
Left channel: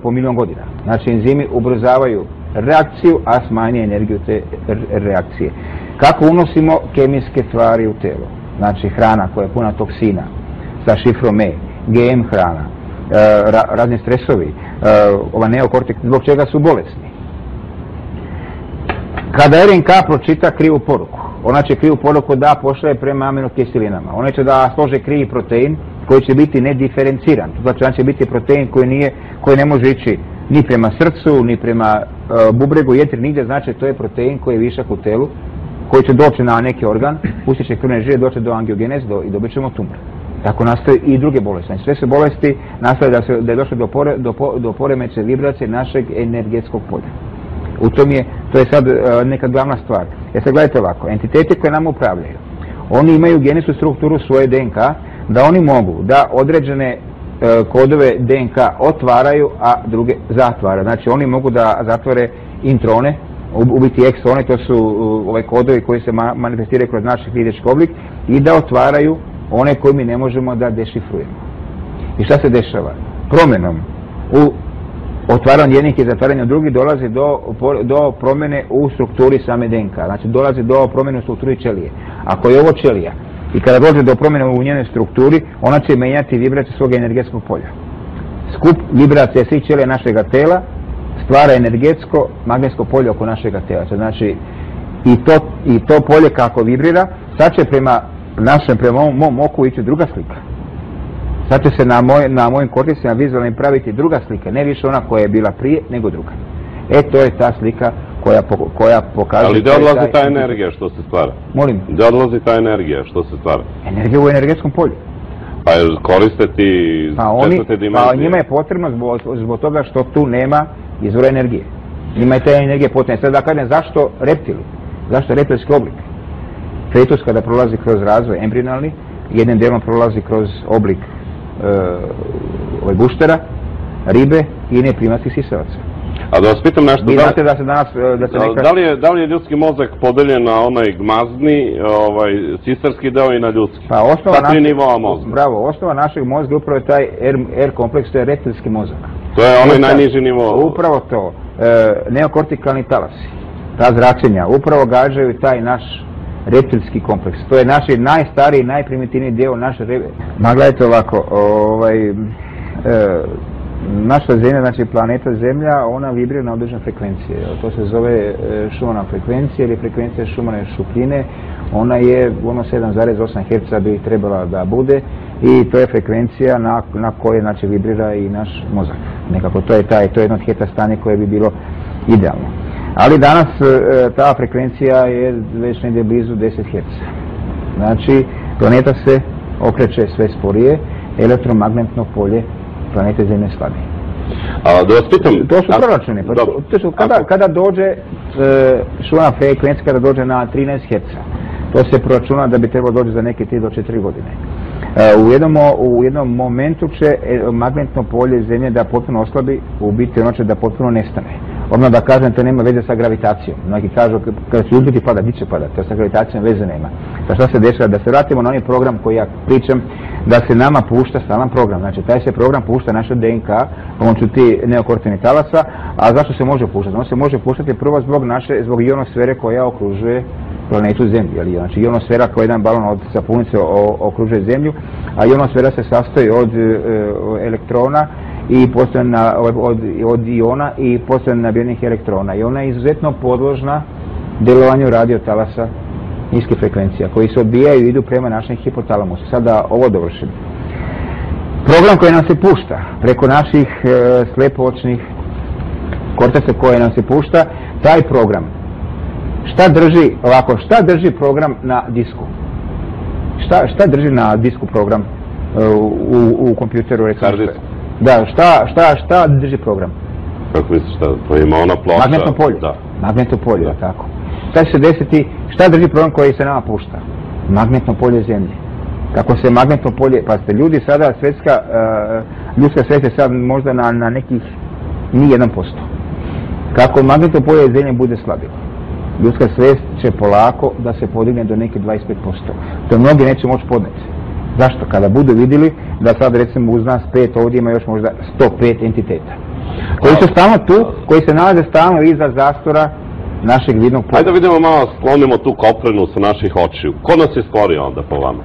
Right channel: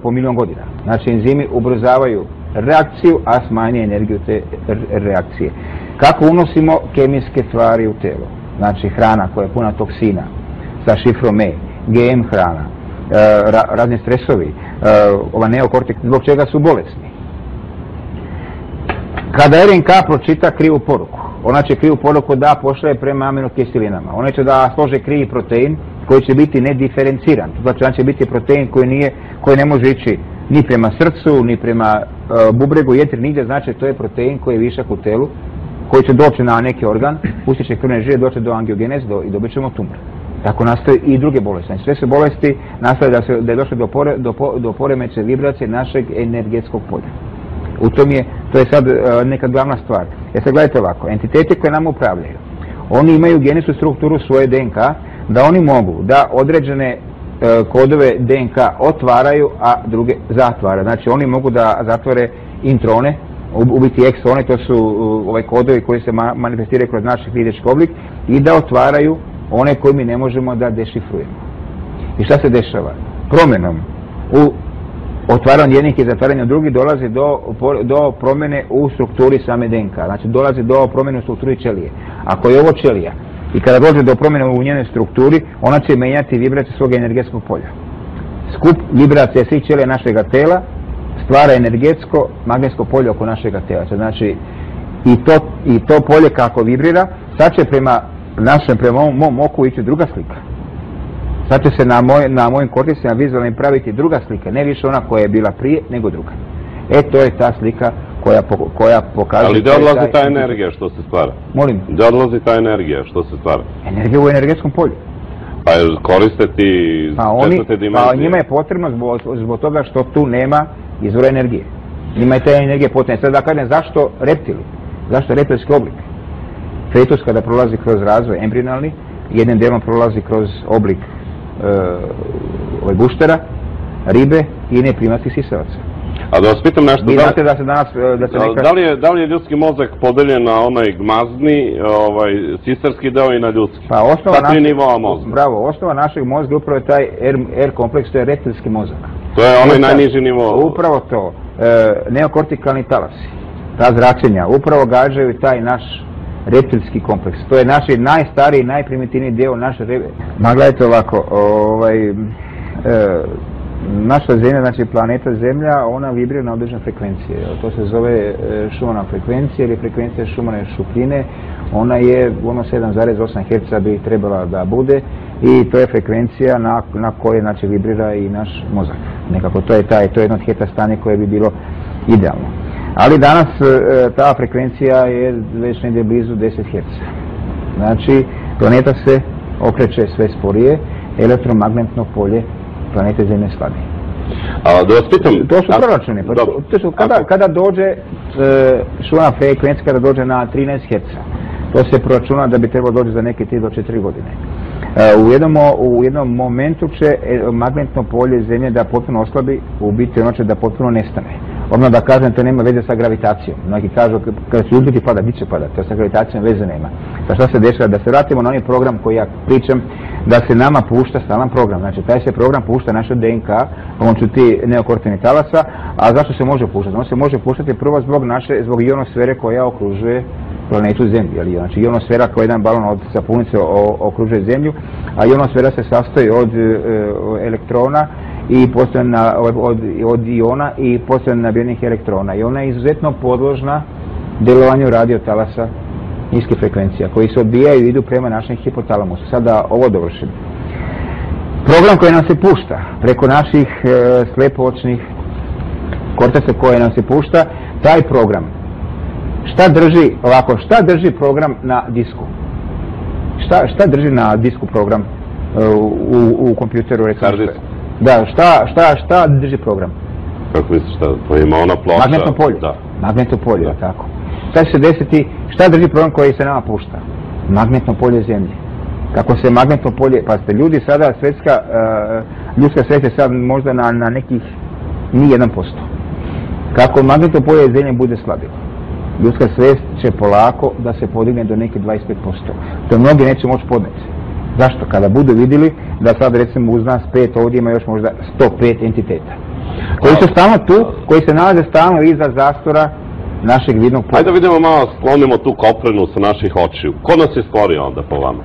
po milion godina. Znači, enzimi ubrzavaju reakciju, a smanje energiju te reakcije. Kako unosimo kemijske tvari u telo? Znači, hrana koja je puna toksina, sa šifrom E, GM hrana, razni stresovi, ova neokortek, zbog čega su bolesni. Kada RNK pročita krivu poruku, ona će krivu poruku da pošalje prema aminokiselinama. Ona će da slože krivi protein koji će biti nediferenciran. Znači, on će biti protein koji ne može ići ni prema srcu, ni prema bubregu, jetri, nigdje. Znači, to je protein koji je višak u telu, koji će doći na neki organ, pustit će krvne žile, doći do angiogeneze i dobit ćemo tumor. Tako nastaju i druge bolesti. Sve su bolesti nastaju da je došlo do poremećaja vibracije našeg energetskog polja. To je sad neka glavna stvar. Jer sad gledajte ovako, entiteti koje nam upravljaju, oni imaju genetsku strukturu svoje DNK, da oni mogu da određene kodove DNK otvaraju, a druge zatvaraju. Znači oni mogu da zatvore introne, ubiti eksone, to su kodovi koji se manifestiraju kroz naš fizički oblik, i da otvaraju one koje mi ne možemo da dešifrujemo. I šta se dešava? Promjenom u otvaranju jednih i zatvaranju drugih dolazi do promjene u strukturi same DNK. Znači dolazi do promjene u strukturi ćelije. Ako je ovo ćelija i kada dođe do promjene u njenoj strukturi, ona će menjati vibraciju svog energetskog polja. Skup vibracije svih ćelija našega tela stvara energetsko magnetsko polje oko našega tela. Znači i to polje kako vibrira, sad će prema mom oku ići druga slika. Sad će se na mojim korticima vizualnim praviti druga slika, ne više ona koja je bila prije, nego druga. To je ta slika koja pokazuje... Ali gdje odlazi ta energija što se stvara? Molim? Gdje odlazi ta energija što se stvara? Energija u energetskom polju. Pa koriste ti četvrte dimenzije? Pa njima je potrebno zbog toga što tu nema izvora energije. Njima je ta energija potrebna. Sad da kažem, zašto reptili? Zašto reptilski oblik? Fetus kada prolazi kroz razvoj embrionalni, jednim dijelom prolazi kroz oblik guštera, ribe i neprimatskih sisavaca. A da vas pitam nešto, vi znate da se danas... Da li je ljudski mozak podeljen na onaj gmazni, sisarski deo i na ljudski? Pa osnova sa tri nivoa mozga. Bravo, osnova našeg mozga upravo je taj R kompleks, to je reptilski mozak. To je onaj najniži nivo. Upravo to. Neokortikalni talasi, ta zračenja, upravo gađaju taj naš reptilski kompleks. To je naš najstariji, najprimitivniji dio naše Ma gledajte ovako, naša Zemlja, znači planeta Zemlja, ona vibrira na određene frekvencije. To se zove Schumannova frekvencija ili frekvencija Schumannove šupljine. Ona je 7,8 Hz bi trebala da bude i to je frekvencija na kojoj znači vibrira i naš mozak. Nekako to je jedno od heta stanje koje bi bilo idealno. Ali danas ta frekvencija je već negdje blizu 10 Hz. Znači planeta se okreće sve sporije, elektromagnetno polje planete Zemlje slabi. Da vas pitam... To su proračuni. Kada dođe Schumannova frekvencija, kada dođe na 13 Hz, to se proračuna da bi trebalo doći za neke 3 do 4 godine. U jednom momentu će magnetno polje Zemlje da potpuno oslabi, u biti ono će da potpuno nestane. Odmah da kažem, to nema veze sa gravitacijom. Mnogi kažu, kada će uzbiti pada, di će pada, to sa gravitacijom veze nema. Pa šta se dešava? Da se vratimo na onaj program koji ja pričam, da se nama pušta stalan program. Znači, taj se program pušta naša DNK, pomoću ti neokortikalnih talasa, a zašto se može puštati? On se može puštati prvo zbog ionosfere koja okružuje planetu Zemlju. Znači, ionosfera koja je jedan balon od sapunice okružuje Zemlju, a ionosfera se sastoji od elektrona i od iona i posebno nabijenih elektrona. I ona je izuzetno podložna djelovanju radiotalasa niskih frekvencija, koji se odbijaju i idu prema našem hipotalamusu. Sad da ovo dovršim. Program koji nam se pušta preko naših slepoočnih korteca koje nam se pušta, taj program, šta drži program na disku? Šta drži na disku program u kompjuteru? Da, šta drži program? Kako misliš, to ima ona ploča? Magnetno polje. Da. Magnetno polje, da. Tako. Šta će se desiti, šta drži program koji se nama pušta? Magnetno polje Zemlje. Kako se magnetno polje, pa ste ljudi sada, ljudska svijest je sad možda na nekih ni 1%. Kako magnetno polje Zemlje bude slabilo, ljudska svijest će polako da se podigne do neke 25%. To mnogi neće moći podneti. Zašto? Kada budu vidjeli da sad recimo uz nas 5 ovdje ima još možda 105 entiteta. Koji su stalno tu, koji se nalaze stalno iza zastora našeg vidnog polja. Ajde da vidimo malo, sklonimo tu koprenu sa naših očiju. Ko nas je stvorio onda po vama?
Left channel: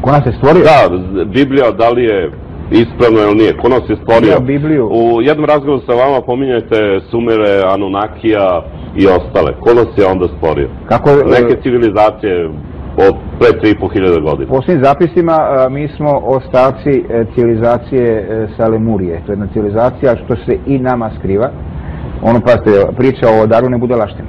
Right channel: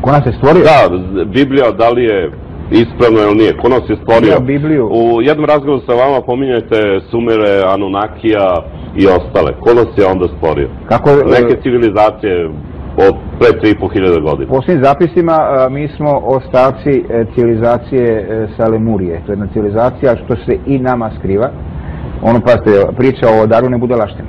Ko nas je stvorio? Da, Biblija, da li je ispravno ili nije? Ko nas je stvorio? Bibliju. U jednom razgovoru sa vama pominjate Sumere, Anunnakija i ostale. Ko nas je onda stvorio? Neke civilizacije od pre 3.500 godina. Po svim zapisima mi smo ostavci civilizacije sa Lemurije. To je jedna civilizacija što se i nama skriva. Ono, pazite, priča o Darwinu budalaština.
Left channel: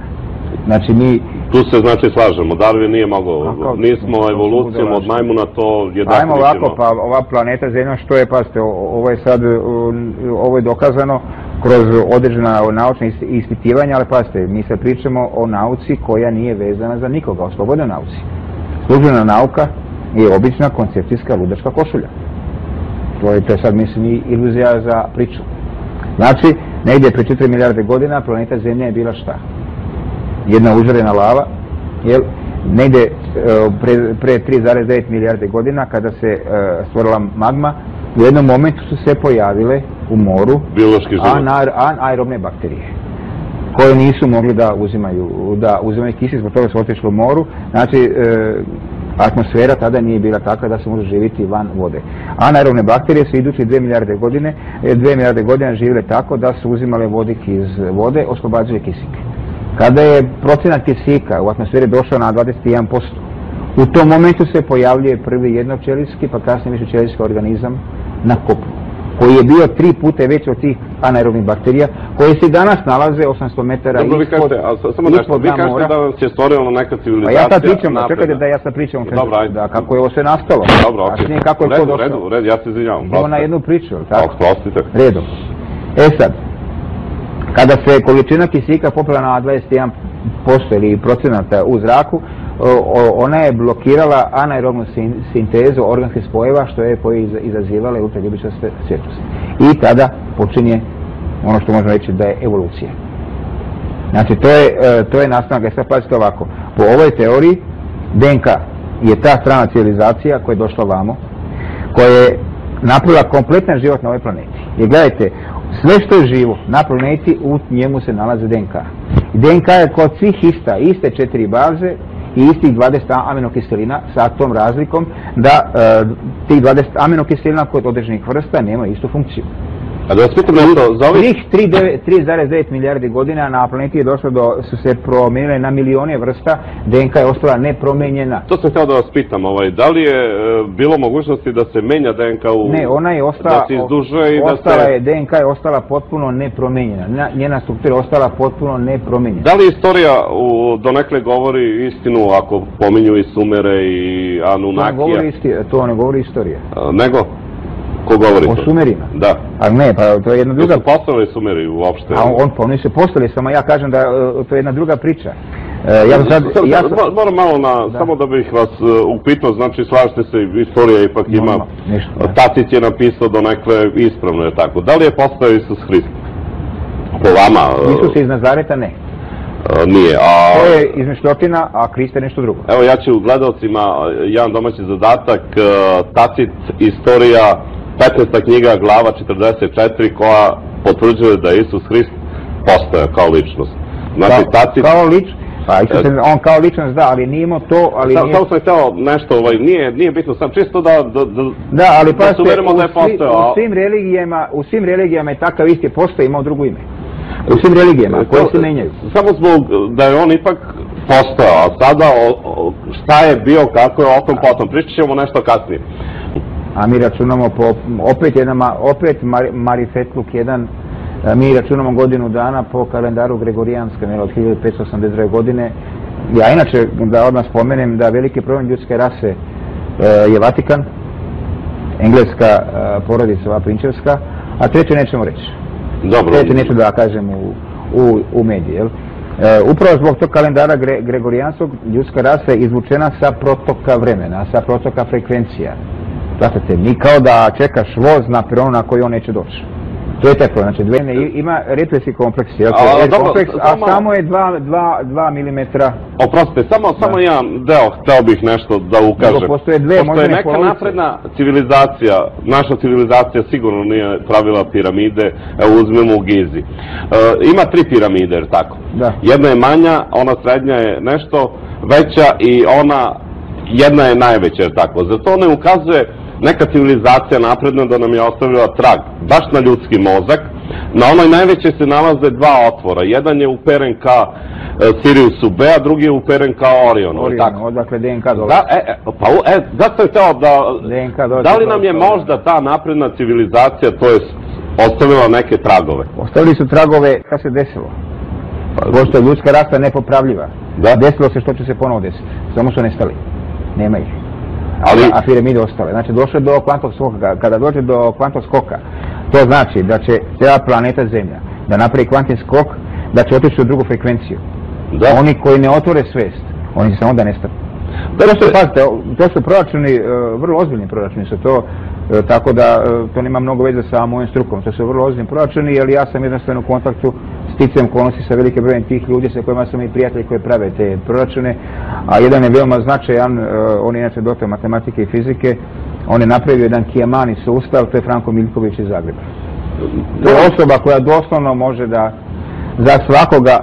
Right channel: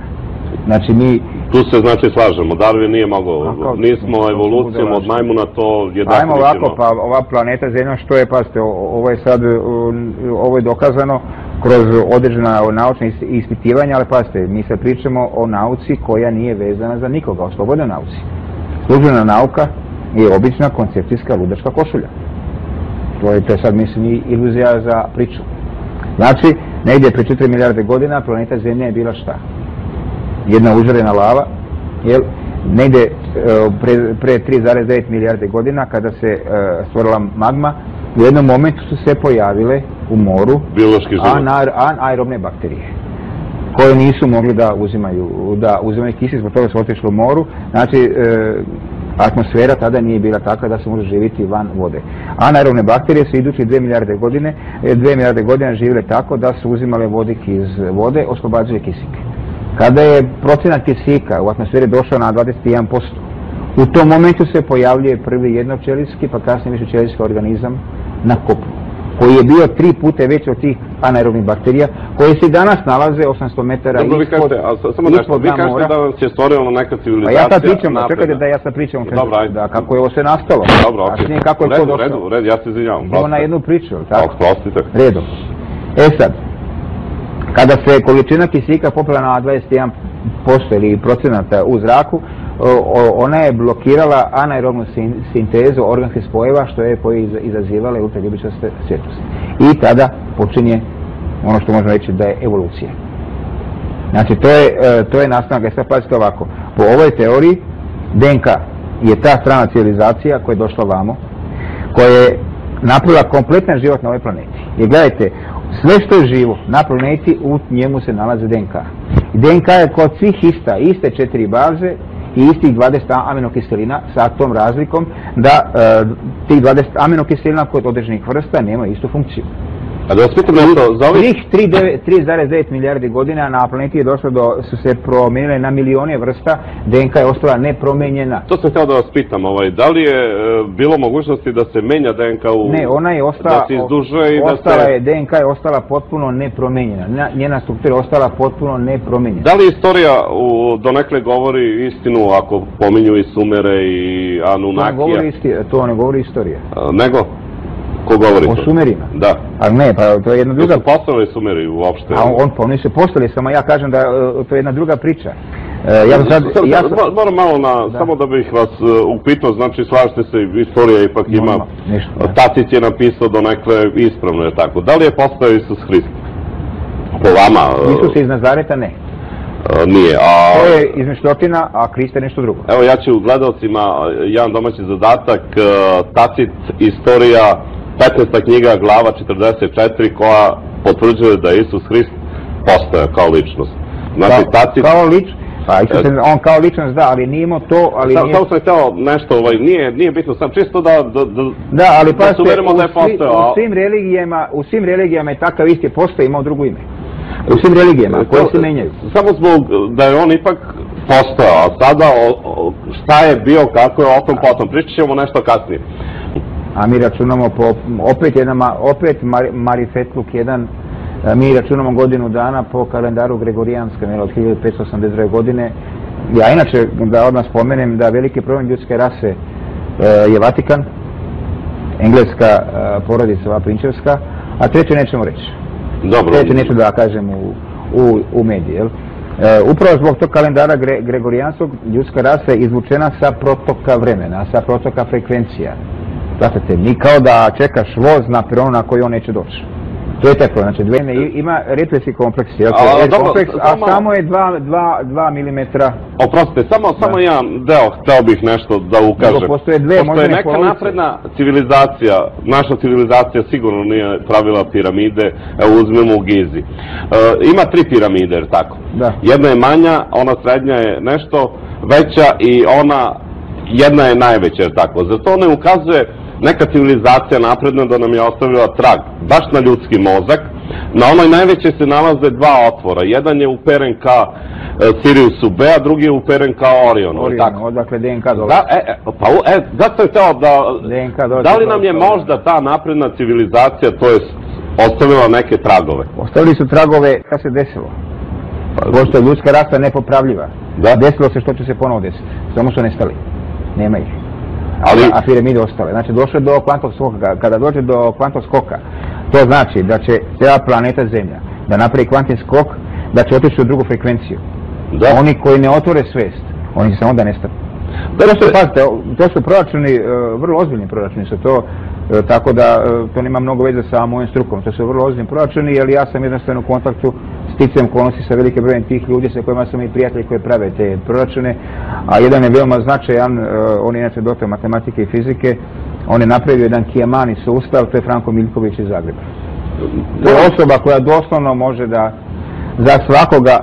Znači mi... Tu se znači slažemo, Darwin nije mogao, nismo evolucijom od majmuna to jednako. Ajmo ovako, pa ova planeta Zemlja što je, pazite, ovo je dokazano kroz određena naučna ispitivanja, ali pazite, mi se pričamo o nauci koja nije vezana za nikoga, o slobodnoj nauci. Službena nauka je obična koncepcijska ludačka košulja. To je sad, mislim, iluzija za priču. Znači, negdje pre 4 milijarde godina planeta Zemlja je bila šta? Jedna užarena lava, negdje pre 3,9 milijarde godina kada se stvorila magma, u jednom momentu su se pojavile u moru anaerobne bakterije koje nisu mogli da uzimaju kisik, zbog toga su otišli u moru. Znači, atmosfera tada nije bila takva da se može živjeti van vode. Anaerobne bakterije su idući 2 milijarde godina živjele tako da su uzimale vodik iz vode, oslobađaju kisik. Kada je procenat kisika u atmosferi došao na 21%, u tom momentu se pojavljuje prvi jednoćelijski, pa kasnije višećelijski organizam na kopnu, koji je bio 3 puta veći od tih anaerobnih bakterija, koje se danas nalaze 800 metara ispod vi kažete da vam se stvorila neka civilizacija. Pa ja sad pričam, čekajte da ja sad pričam kako je ovo sve nastalo. Dobro, okej. Kako je to došlo. Red, ja se izvinjavam. Idemo na jednu priču, tako? Prostite. Redom. Sad, kada se količina kisika popela na 21% ili procenata u zraku, ona je blokirala anaerobnu sintezu organskih spojeva koje je izazivala ultraljubičaste svjetlosti. I tada počinje ono što možemo reći da je evolucija. Znači to je nastanak. Sad pazite ovako, po ovoj teoriji DNK je ta strana civilizacija koja je došla vamo, koja je napravila kompletan život na ovoj planeti. Jer gledajte, sve što je živo na planeti, u njemu se nalazi DNK. DNK je kod svih iste 4 baze i istih 20 aminokiselina sa tom razlikom da tih 20 aminokiselina kod određenih vrsta nema istu funkciju. A da vas pitam nešto, za ovih... 3,9 milijardi godina na planeti je došlo su se promijenile na milijone vrsta, DNK je ostala nepromijenjena. To sam htio da vas pitam, da li je bilo mogućnosti da se menja DNK Ne, ona je ostala, da se izduže i DNK je ostala potpuno nepromijenjena, njena struktura je ostala potpuno nepromijenjena. Da li istorija donekle govori istinu ako pominju i Sumere i Anunnakija? To ne govori istorija. Nego? Ko govori o to? Sumerima? Da. Ali ne, pa to je jedna druga... Nisu postavili Sumeri uopšte? Oni su postavili, samo ja kažem da to je jedna druga priča. Moram malo samo da bih vas upitao, znači slažete se, istorija ipak ima... Tacit je napisao donekle ispravno, je tako. Da li je postao Isus Hrist? Po vama... Isus iz Nazareta ne. Nije, to je izmišljotina, a Krist je nešto drugo. Evo ja ću gledalcima jedan domaći zadatak, Tacit, istorija, 15. knjiga, glava 44, koja potvrđuje da je Isus Hrist postojao kao ličnost. Znači, Tacit... Kao ličnost? Pa on kao ličnost da, ali nije imao to, ali nije... Samo sam htio nešto, nije bitno, sam čisto da ali pa suverimo da je postojao. U svim religijama je takav isti postoji, imao drugo ime. U svim religijama, koje se menjaju. Samo zbog da je on ipak postojao, a sada šta je bio, kako je, o tom potom. Pričat ćemo nešto kasnije. A mi računamo opet marifetluk jedan, mi računamo godinu dana po kalendaru Gregorijanskom, od 1582. godine. Ja inače, da odmah spomenem, da veliki problem ljudske rase je Vatikan, engleska porodica, ova prinčevska, a treće nećemo reći. Treće neću da kažem u mediji, jel? Upravo zbog tog kalendara Gregorijanskog ljudska rasa je izvučena sa protoka vremena, sa protoka frekvencija. Znate, mi kao da čekaš voz na peronu na koji on neće doći. To je taj problem, znači ima represivni kompleks, a samo je 2 milimetra. Oprostite, samo jedan deo, hteo bih nešto da ukažem. Postoje neka napredna civilizacija, naša civilizacija sigurno nije pravila piramide, evo uzmemo u Gizi. Ima 3 piramide, jer tako? Da. Jedna je manja, ona srednja je nešto veća i ona, jedna je najveća, jer tako? Zato ne ukazuje neka civilizacija napredna da nam je ostavila trag, baš na ljudski mozak. Na onoj najveće se nalaze 2 otvora. Jedan je uperen ka Siriusu B, a drugi je uperen ka Orionu. Odakle DNK dolazi. Zato je teo da li nam je možda ta napredna civilizacija, to je ostavila neke tragove? Ostavili su tragove, kada se desilo. Pošto je ljudska rasa nepopravljiva. Desilo se što će se ponovo desiti. Samo su nestali. Nema ih. A piramide ostale. Znači, došlo je do kvantnog skoka. Kada dođe do kvantnog skoka, to znači da će cijela planeta Zemlja da napravi kvantni skok, da će otići u drugu frekvenciju. Oni koji ne otvore svest, oni će samo da nestanu. To su proračuni, vrlo ozbiljni proračuni su to, tako da to nema mnogo veze sa mojim strukom. To su vrlo ozbiljni proračuni, jer ja sam jednostavno u kontaktu sticajem okolnosti sa velike brojem tih ljudi sa kojima sam i prijatelji koji prave te proračune, a jedan je veoma značajan, on je inače doktor matematike i fizike, on je napravio jedan Kijamani sustav, to je Franko Miljković iz Zagreba. To je osoba koja doslovno može da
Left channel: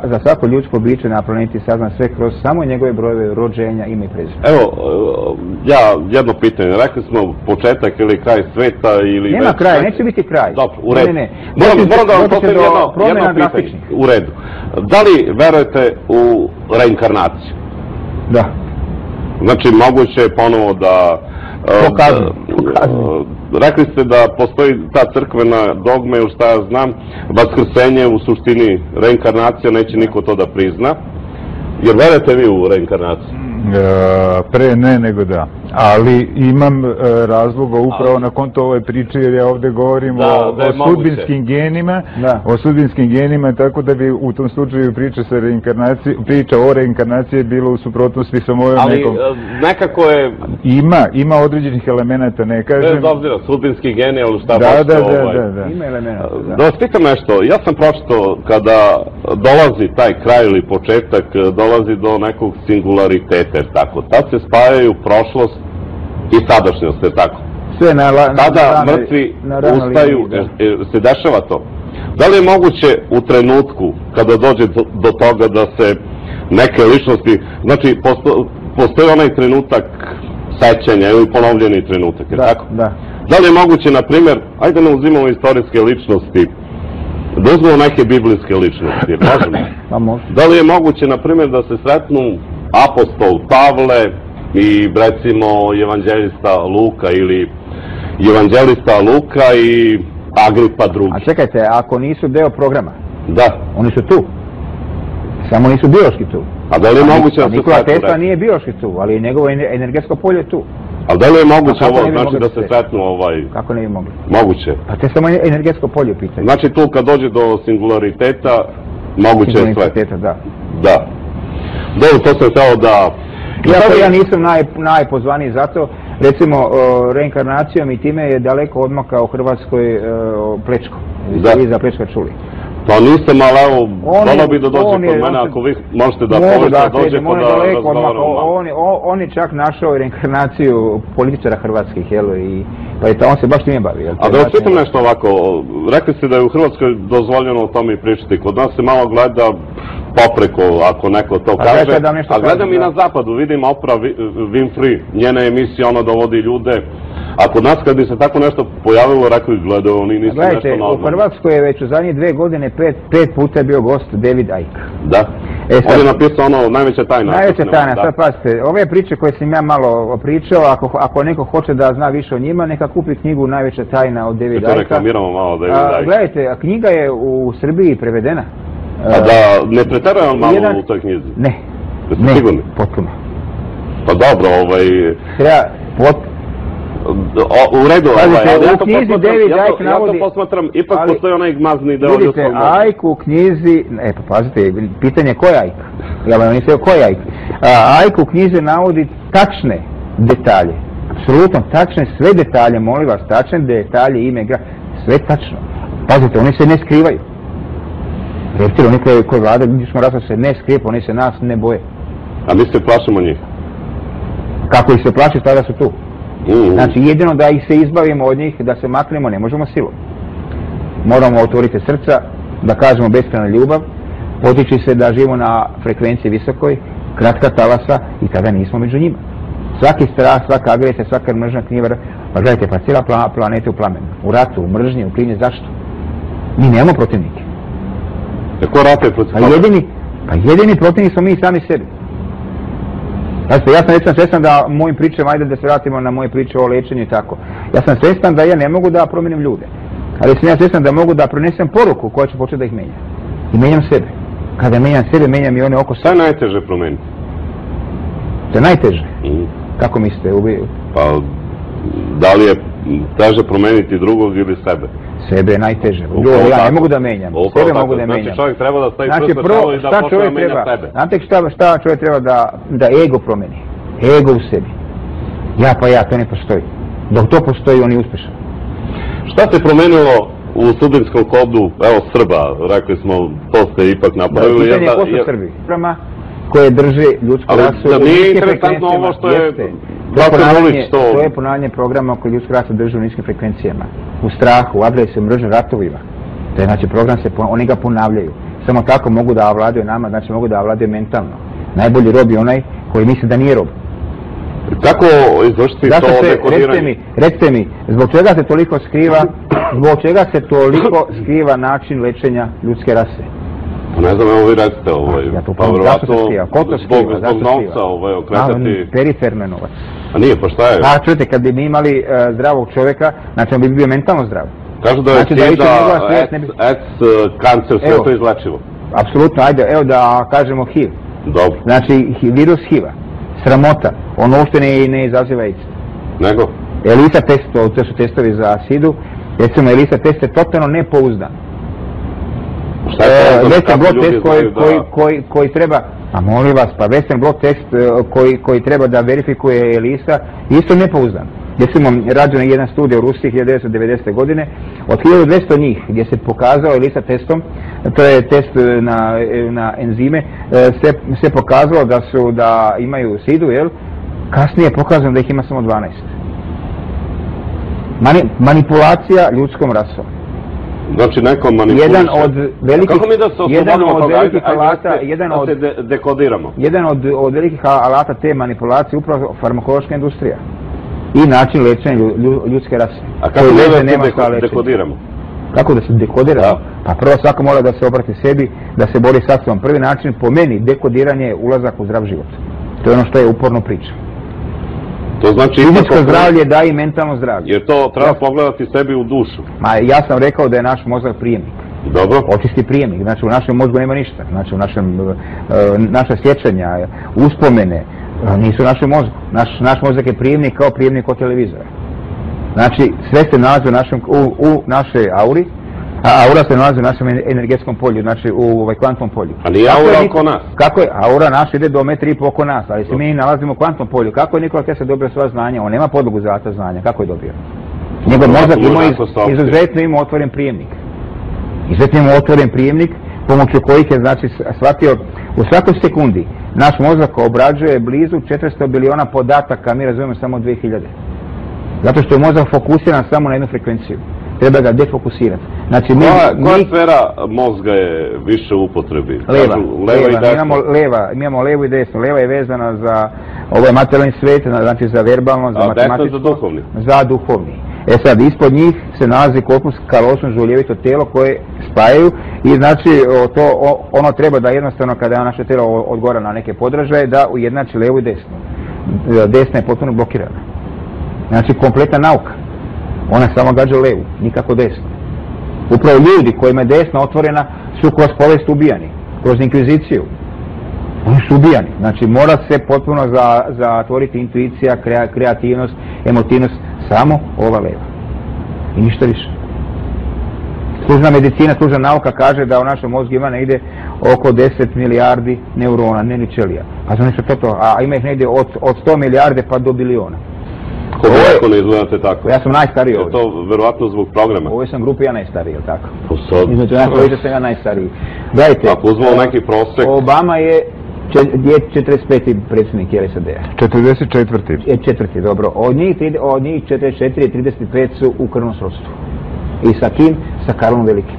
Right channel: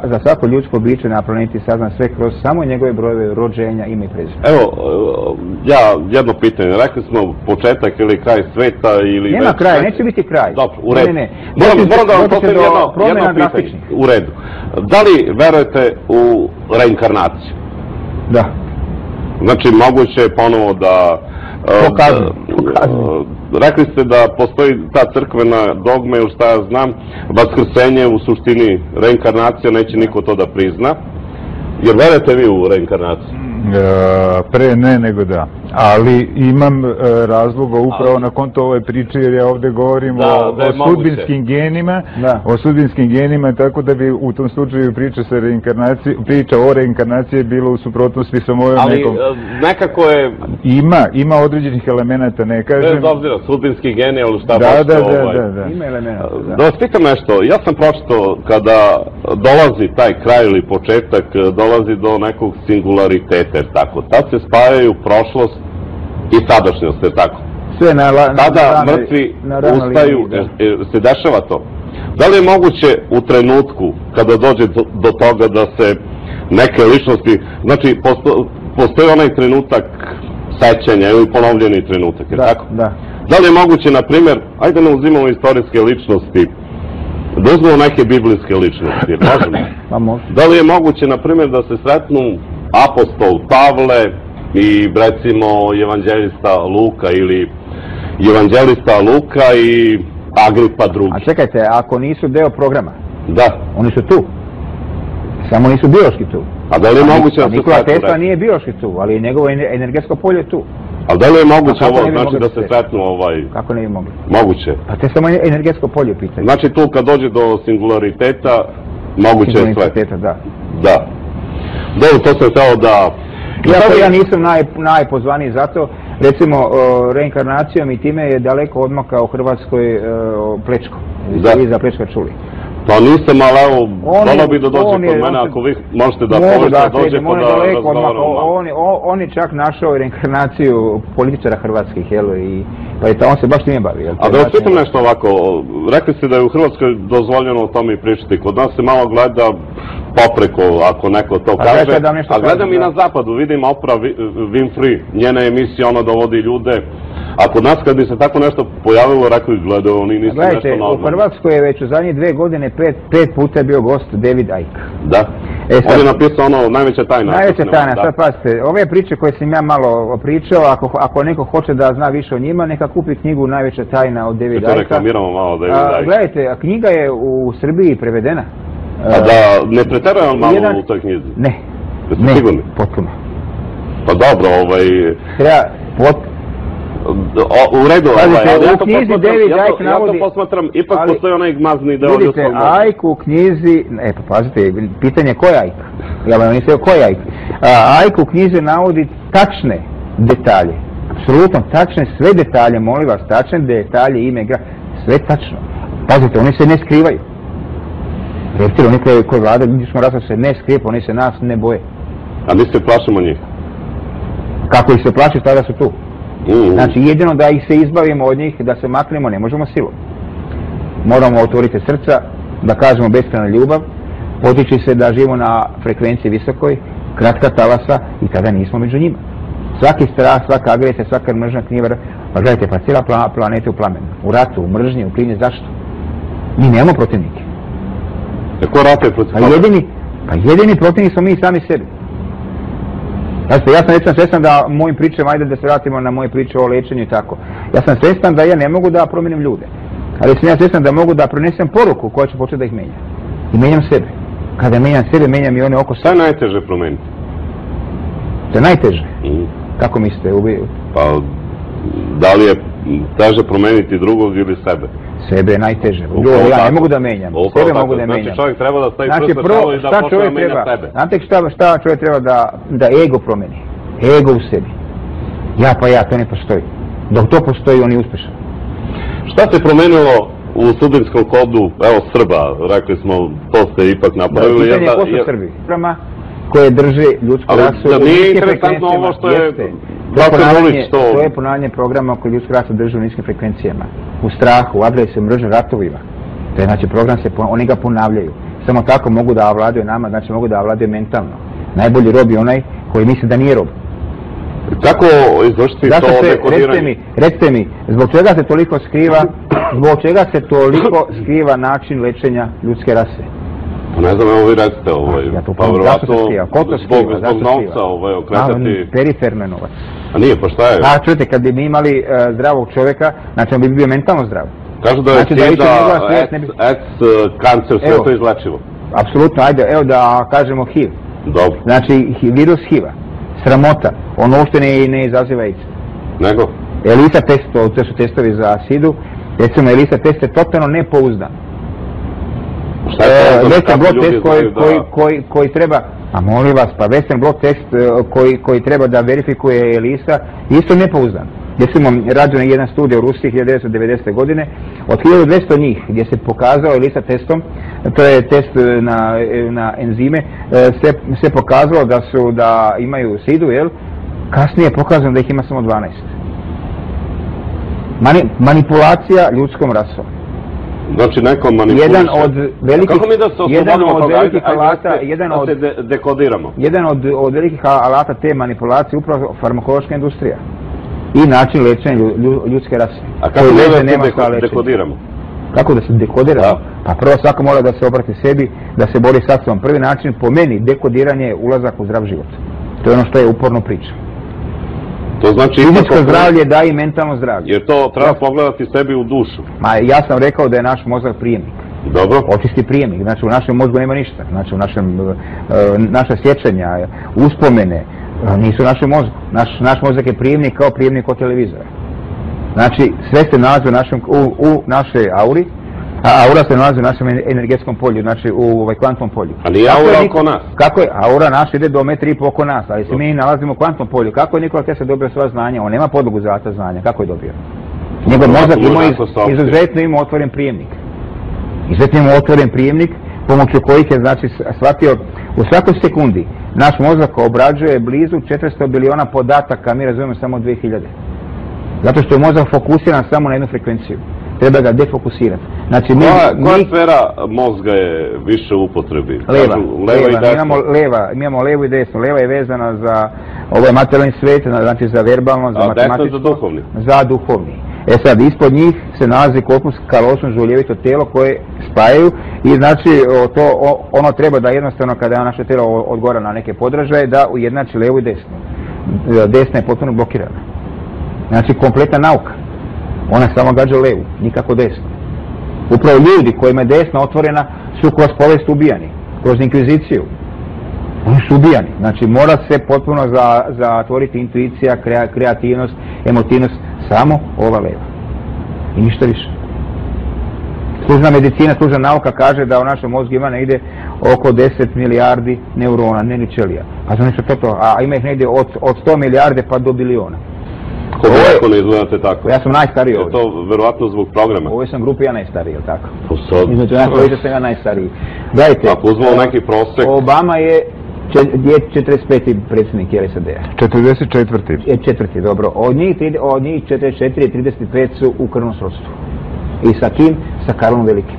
za svako ljudsko biće na planeti sazna sve kroz samo njegove brojeve rođenja, ime i prezime. Evo, ja jedno pitanje, rekli smo početak ili kraj sveta ili... Nema kraja, neće biti kraj. Dobro, u redu. Moram da vam postavim jedno pitanje. U redu. Da li verujete u reinkarnaciju? Da. Znači, moguće je ponovo da... Rekli ste da postoji ta crkvena dogma ili šta ja znam, vaskrsenje u suštini reinkarnacija, neće niko to da prizna. Jer verujete vi u reinkarnaciju? Pre ne nego da. Ali imam razloga upravo na konto ove priče, jer ja ovde govorim o sudbinskim genima, o sudbinskim genima, tako da bi u tom slučaju priča o reinkarnaciji bilo u suprotnosti sa mojom nekom... Ali nekako je... Ima određenih elemenata, ne kažem... Bez obzira, sudbinski geni, ali šta Da. Ima elemenata, da. Da vas pitam nešto, ja sam pročitao kada dolazi taj kraj ili početak, dolazi do nekog singulariteta, tako. Tad se spajaju prošlost i sadašnjost, je tako? Sve tada mrtvi ustaju, se dešava to. Da li je moguće u trenutku kada dođe do toga da se neke ličnosti, znači postoji onaj trenutak sećanja ili ponovljeni trenutak, je tako? Da li je moguće, na primjer, ajde ne uzimamo istorijske ličnosti, da uzmemo neke biblijske ličnosti, možemo? Da li je moguće, na primjer, da se sretnu apostol Pavle i recimo evanđelista Luka ili evanđelista Luka i Agripa II. A čekajte, ako nisu deo programa? Da. Oni su tu. Samo nisu biološki tu. A da li je moguće da se Nikola Tesla nije biološki tu, ali njegovo energetsko polje je tu. A da li je moguće ovo, znači da se sretnu Kako ne bi mogli? Moguće. Pa to je samo energetsko polje u pitanju. Znači tu kad dođe do singulariteta, moguće je sve. Da. Dobro, to sam htio da... Ja nisam najpozvaniji za to. Recimo, reinkarnacijom i time je daleko odmakao Hrvatskoj Plečko. Vi za Plečka čuli. Pa nisam, ali evo, volao bi da dođe kod mene, ako vi možete da pomoćete, dođe pa da razgovaramo. On je čak našao reinkarnaciju političara hrvatskih, pa on se baš time bavi. A da vas pitam nešto ovako, rekli ste da je u Hrvatskoj dozvoljeno o tome i pričati, kod nas se malo gleda popreko, ako neko to kaže, a gledam i na zapadu, vidim Oprah Winfrey, njena emisija, ona dovodi ljude, a kod nas kad bi se tako nešto pojavilo, rekli gledaju, oni nisu nešto normalno. U Hrvatskoj je već u zadnje 2 godine 5 puta bio gost David Icke. Da. On je napisao ono najveća tajna. Najveća tajna, sad pazite, ove priče koje sam ja malo pričao, ako neko hoće da zna više o njima, neka kupi knjigu Najveća tajna od Davida Icke. To reklamiramo malo David Icke. Gledajte, knjiga je u Srbiji prevedena. A da ne preterujem malo u toj knjizi? Ne, potpuno. Pa dobro, treba u redu, ja to posmatram, ipak postoji onaj gmazni deo ljudskog mozga. Vidite, Icke u knjizi, pa pazite, pitanje je ko je Icke? Ja vam nisam ko je Icke? Icke u knjizi navodi tačne detalje, apsolutno tačne, sve detalje, molim vas, tačne detalje, ime, sve tačno. Pazite, oni se ne skrivaju. Reptili, oni koji vlada ljudskog rasa se ne skrije, oni se nas ne boje. A mi se plašimo njih? Kako ih se plaši, tada su tu. Znači jedino da ih se izbavimo od njih, da se maknemo, ne možemo silom. Moramo otvoriti srca, da kažemo beskrajna ljubav, potiči se da živimo na frekvenciji visokoj, kratka talasa i tada nismo među njima. Svaki strah, svaka agresija, svaka mržnja knjiva, pa gledajte, pa cijela planeta u plamenu, u ratu, u mržnji, u klini, zašto? Mi nemamo protivnike. Ko rata je protiv toga? Pa jedini protivnik smo mi sami sebi. Znači, ja sam recimo svjestan da mojim pričama, ajde da se vratimo na moje priče o lečenju i tako. Ja sam svjestan da ja ne mogu da promijenim ljude. Ali sam ja svjestan da mogu da pronesem poruku koja će početi da ih menja. I menjam sebe. Kada menjam sebe, menjam i one oko sebe. Šta je najteže promijeniti? To je najteže? Kako mislite? Pa, da li je teže promijeniti drugog ili sebe? Sebe je najteže. Ja ne mogu da menjam. Sebe mogu da menjam. Znači čovjek treba da stavi prst na čelo i da počne da menja sebe. Znate šta čovjek treba da ego promeni? Ego u sebi. Ja, to ne postoji. Dok to postoji, on je uspješan. Šta se promenilo u Srbinskom kodu, evo Srba, rekli smo, to ste ipak napravili. Pitanje je ko su Srbi? Koje drže ljudsku rasu. Da nije interesantno ovo što je to je ponavljanje programa koji ljudsku rasu drže u niskim frekvencijama. U strahu, u agresiji, u mržnji, ratovima. To je znači program, oni ga ponavljaju. Samo tako mogu da ovladaju nama, znači mogu da ovladaju mentalno. Najbolji rob je onaj koji misli da nije rob. Kako izvršiti to dekodiranje? Recite mi, zbog čega se toliko skriva način lečenja ljudske rase? Ne znam, evo vi recite, pa vjerovatno zbog novca okretati... Periferno novac. A nije, pa šta je? Pa čujete, kad bi mi imali zdravog čovjeka, znači on bi bio mentalno zdrav. Kažu da je kancer, sve to izlečivo. Apsolutno, ajde, evo da kažemo HIV. Dobro. Znači, virus HIV-a, sramota, ono uopšte ne izaziva AIDS. Nego? ELISA test, to su testovi za SIDA-u, recimo ELISA test je totalno nepouzdan. Western blot test koji treba, a molim vas, pa Western blot test koji treba da verifikuje ELISA, isto nepouzdan. Recimo, rađena je jedna studija u Rusiji 1990. godine, od 1200 njih gdje se pokazao ELISA testom, to je test na enzime, se pokazalo da imaju SIDA-u, kasnije je pokazano da ih ima samo 12. Manipulacija ljudskom rasom. Znači neko manipuliše. Kako mi da se oslobodimo toga? Da se dekodiramo. Jedan od velikih alata te manipulacije upravo farmakološka industrija. I način lečenja ljudske rase. A kako mi da se dekodiramo? Kako da se dekodiramo? Pa prvo svako mora da se obrati sebi, da se bori sa sobom. Prvi način, po meni, dekodiranje je ulazak u zdrav život. To je ono što je uporno pričam. To znači fizičko zdravlje daje i mentalno zdravlje. Jer to treba pogledati sebi u dušu. Ja sam rekao da je naš mozak prijemnik. Dobro. Očisti prijemnik. Znači u našem mozgu nema ništa. Znači naša sjećanja, uspomene nisu u našem mozgu. Naš mozak je prijemnik kao prijemnik od televizora. Znači sve se nalazi u našoj auri, a aura se nalazi u našem energetskom polju, znači u kvantnom polju. A nije aura oko nas? Kako je? Aura naša ide do 1,5 m oko nas, ali se mi nalazimo u kvantnom polju. Kako je Nikola Tesla dobio sva znanja? On nema podlogu za ta znanja. Kako je dobio? Njegov mozak izuzetno ima otvoren prijemnik. Izuzetno ima otvoren prijemnik pomoću kojih je znači shvatio u svakoj sekundi naš mozak obrađuje blizu 400 biliona podataka, mi razumijemo samo 2000. Zato što je mozak fokusiran samo na jednu frekvenciju. Treba ga defokusirati. Znači, koja sfera mozga je više u upotrebi? Leva. Mi imamo levu i desnu. Leva je vezana za ovaj materijalni svet, znači za verbalno, za matematičko. Desna za duhovni? Za duhovni. E sad, ispod njih se nalazi korpus kalosum, žuljevito tijelo koje spajaju i znači ono treba da jednostavno kada naše tijelo odgovara na neke podražaje da ujednači levu i desnu. Desna je potpuno blokirana. Znači kompletna nauka. Ona samo gađa levu, nikako desnu. Upravo ljudi kojima je desna otvorena su kroz povijest ubijani, kroz inkviziciju. Oni su ubijani. Znači mora se potpuno zatvoriti intuicija, kreativnost, emotivnost, samo ova leva. I ništa više. Služna medicina, služna nauka kaže da u našem mozgu ima negdje oko 10 milijardi neurona, ne ni ćelija. A znači to, a ima ih negdje od 100 milijarde pa do biliona. Kako ne izgledate tako? Ja sam najstariji ovdje. Je to verovatno zbog programa? U ovoj sam grupi ja najstariji, je li tako? Između nas trojice sam ja najstariji. Gledajte, ako uzmemo neki prosek... Obama je 45. predsjednik SAD-a. 44. Četvrti, dobro. Od njih 44 i 35 su u krvnom srodstvu. I sa kim? Sa Karlom Velikim.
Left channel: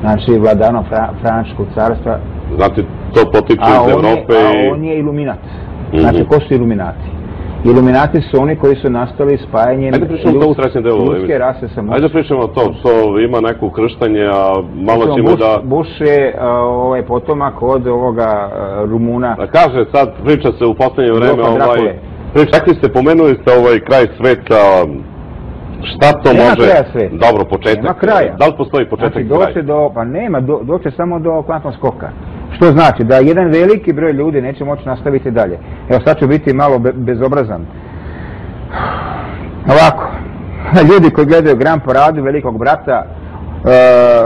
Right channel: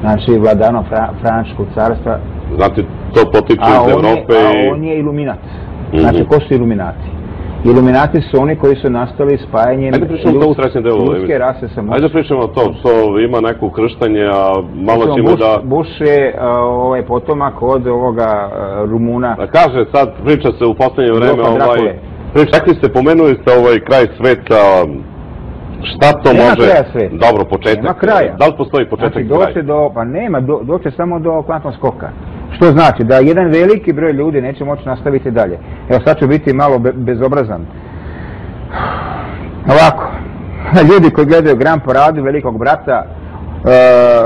Znači, vladarom Frančkog carstva. Znate, to potiče iz Evrope i... A on je iluminat. Znači, ko su iluminati? Iluminati su oni koji su nastali spajanjem ljudske rase sa Bush. Ajde pričamo o tom, što ima neko ukrštanje, a malo ćemo da... Bush je potomak od ovoga Rumuna. Da kaže, sad priča se u posljednje vreme, rekli ste, pomenuli ste ovaj kraj sveta, šta to može... Nema kraja sveta. Dobro, početak. Nema kraja. Da li postoji početak i kraj? Pa nema, doće samo do kvantnog skoka. Što znači da jedan veliki broj ljudi neće moći nastaviti dalje. Evo sad ću biti malo bezobrazan. Ovako, ljudi koji gledaju Grand Paradu Velikog brata,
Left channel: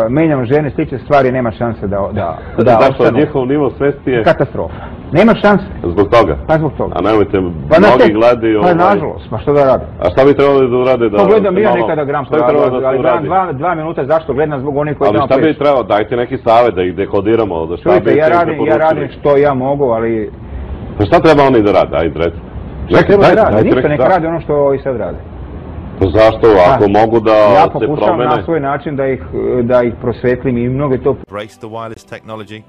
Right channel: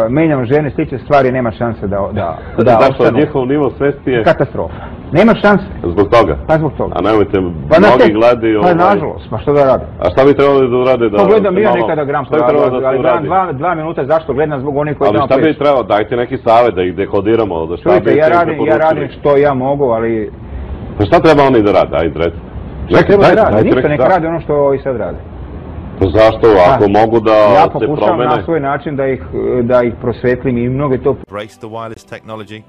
menjam žene, slične stvari, nema šanse da zašto njihov nivo svesti je... Katastrofa. Nema šanse. Zbog toga? Pa zbog toga. A nemojte, mnogi gledaju... Pa nažalost, pa što da radi? A šta bi trebali da urade da... Pa gledam ja nekada Grand Paradu, ali gledam 2 minuta, zašto gledam zbog onih koji tamo preći? Ali šta bi trebalo, dajte neki savjet da ih dekodiramo, da šta bi... Čujte, ja radim što ja mogu, ali... Pa šta treba oni da rade, ajde recimo? Šta treba da rade? Ništa, neka radi ono što i sad rade. Pa zašto, ako mogu da se promene? Ja pokušavam na svoj način da ih prosvetlim i mnogo to... Embrace the wireless technology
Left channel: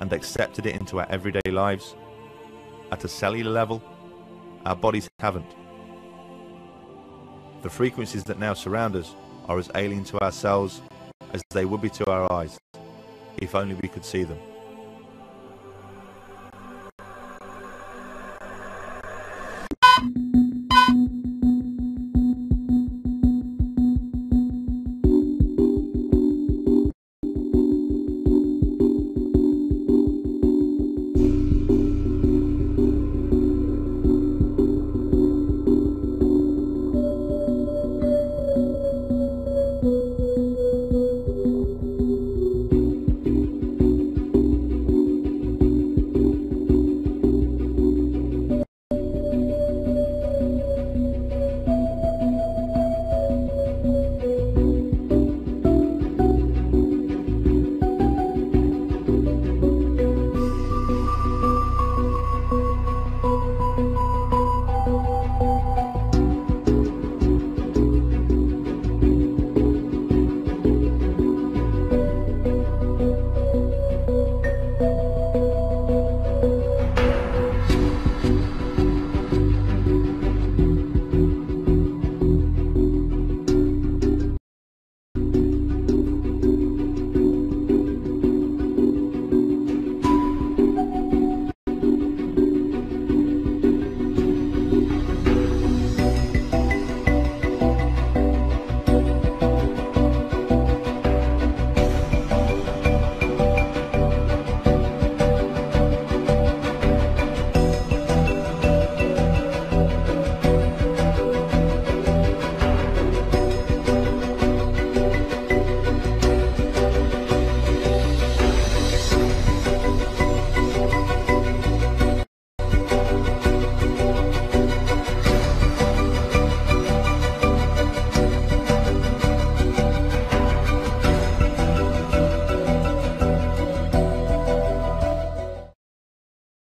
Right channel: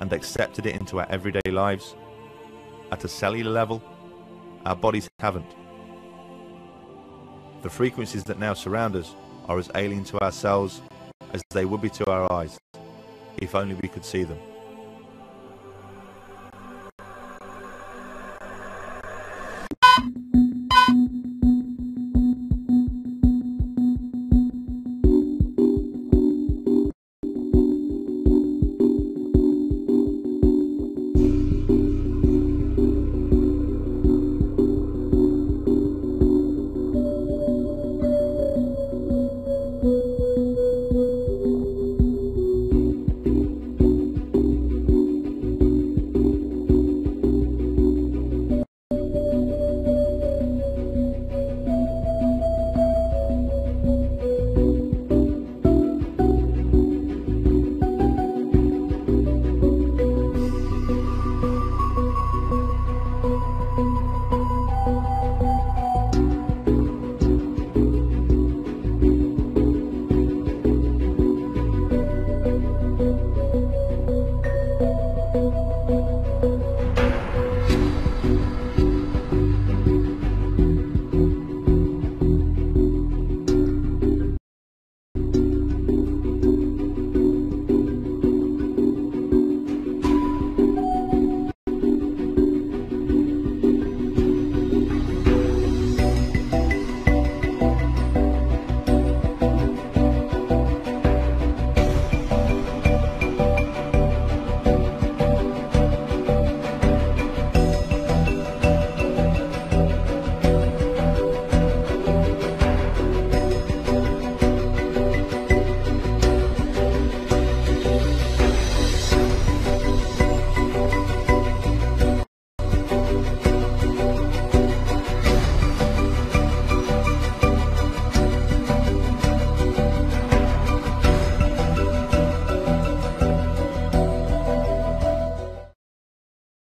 and accepted it into our everyday lives. At a cellular level, our bodies haven't. The frequencies that now surround us are as alien to ourselves as they would be to our eyes, if only we could see them.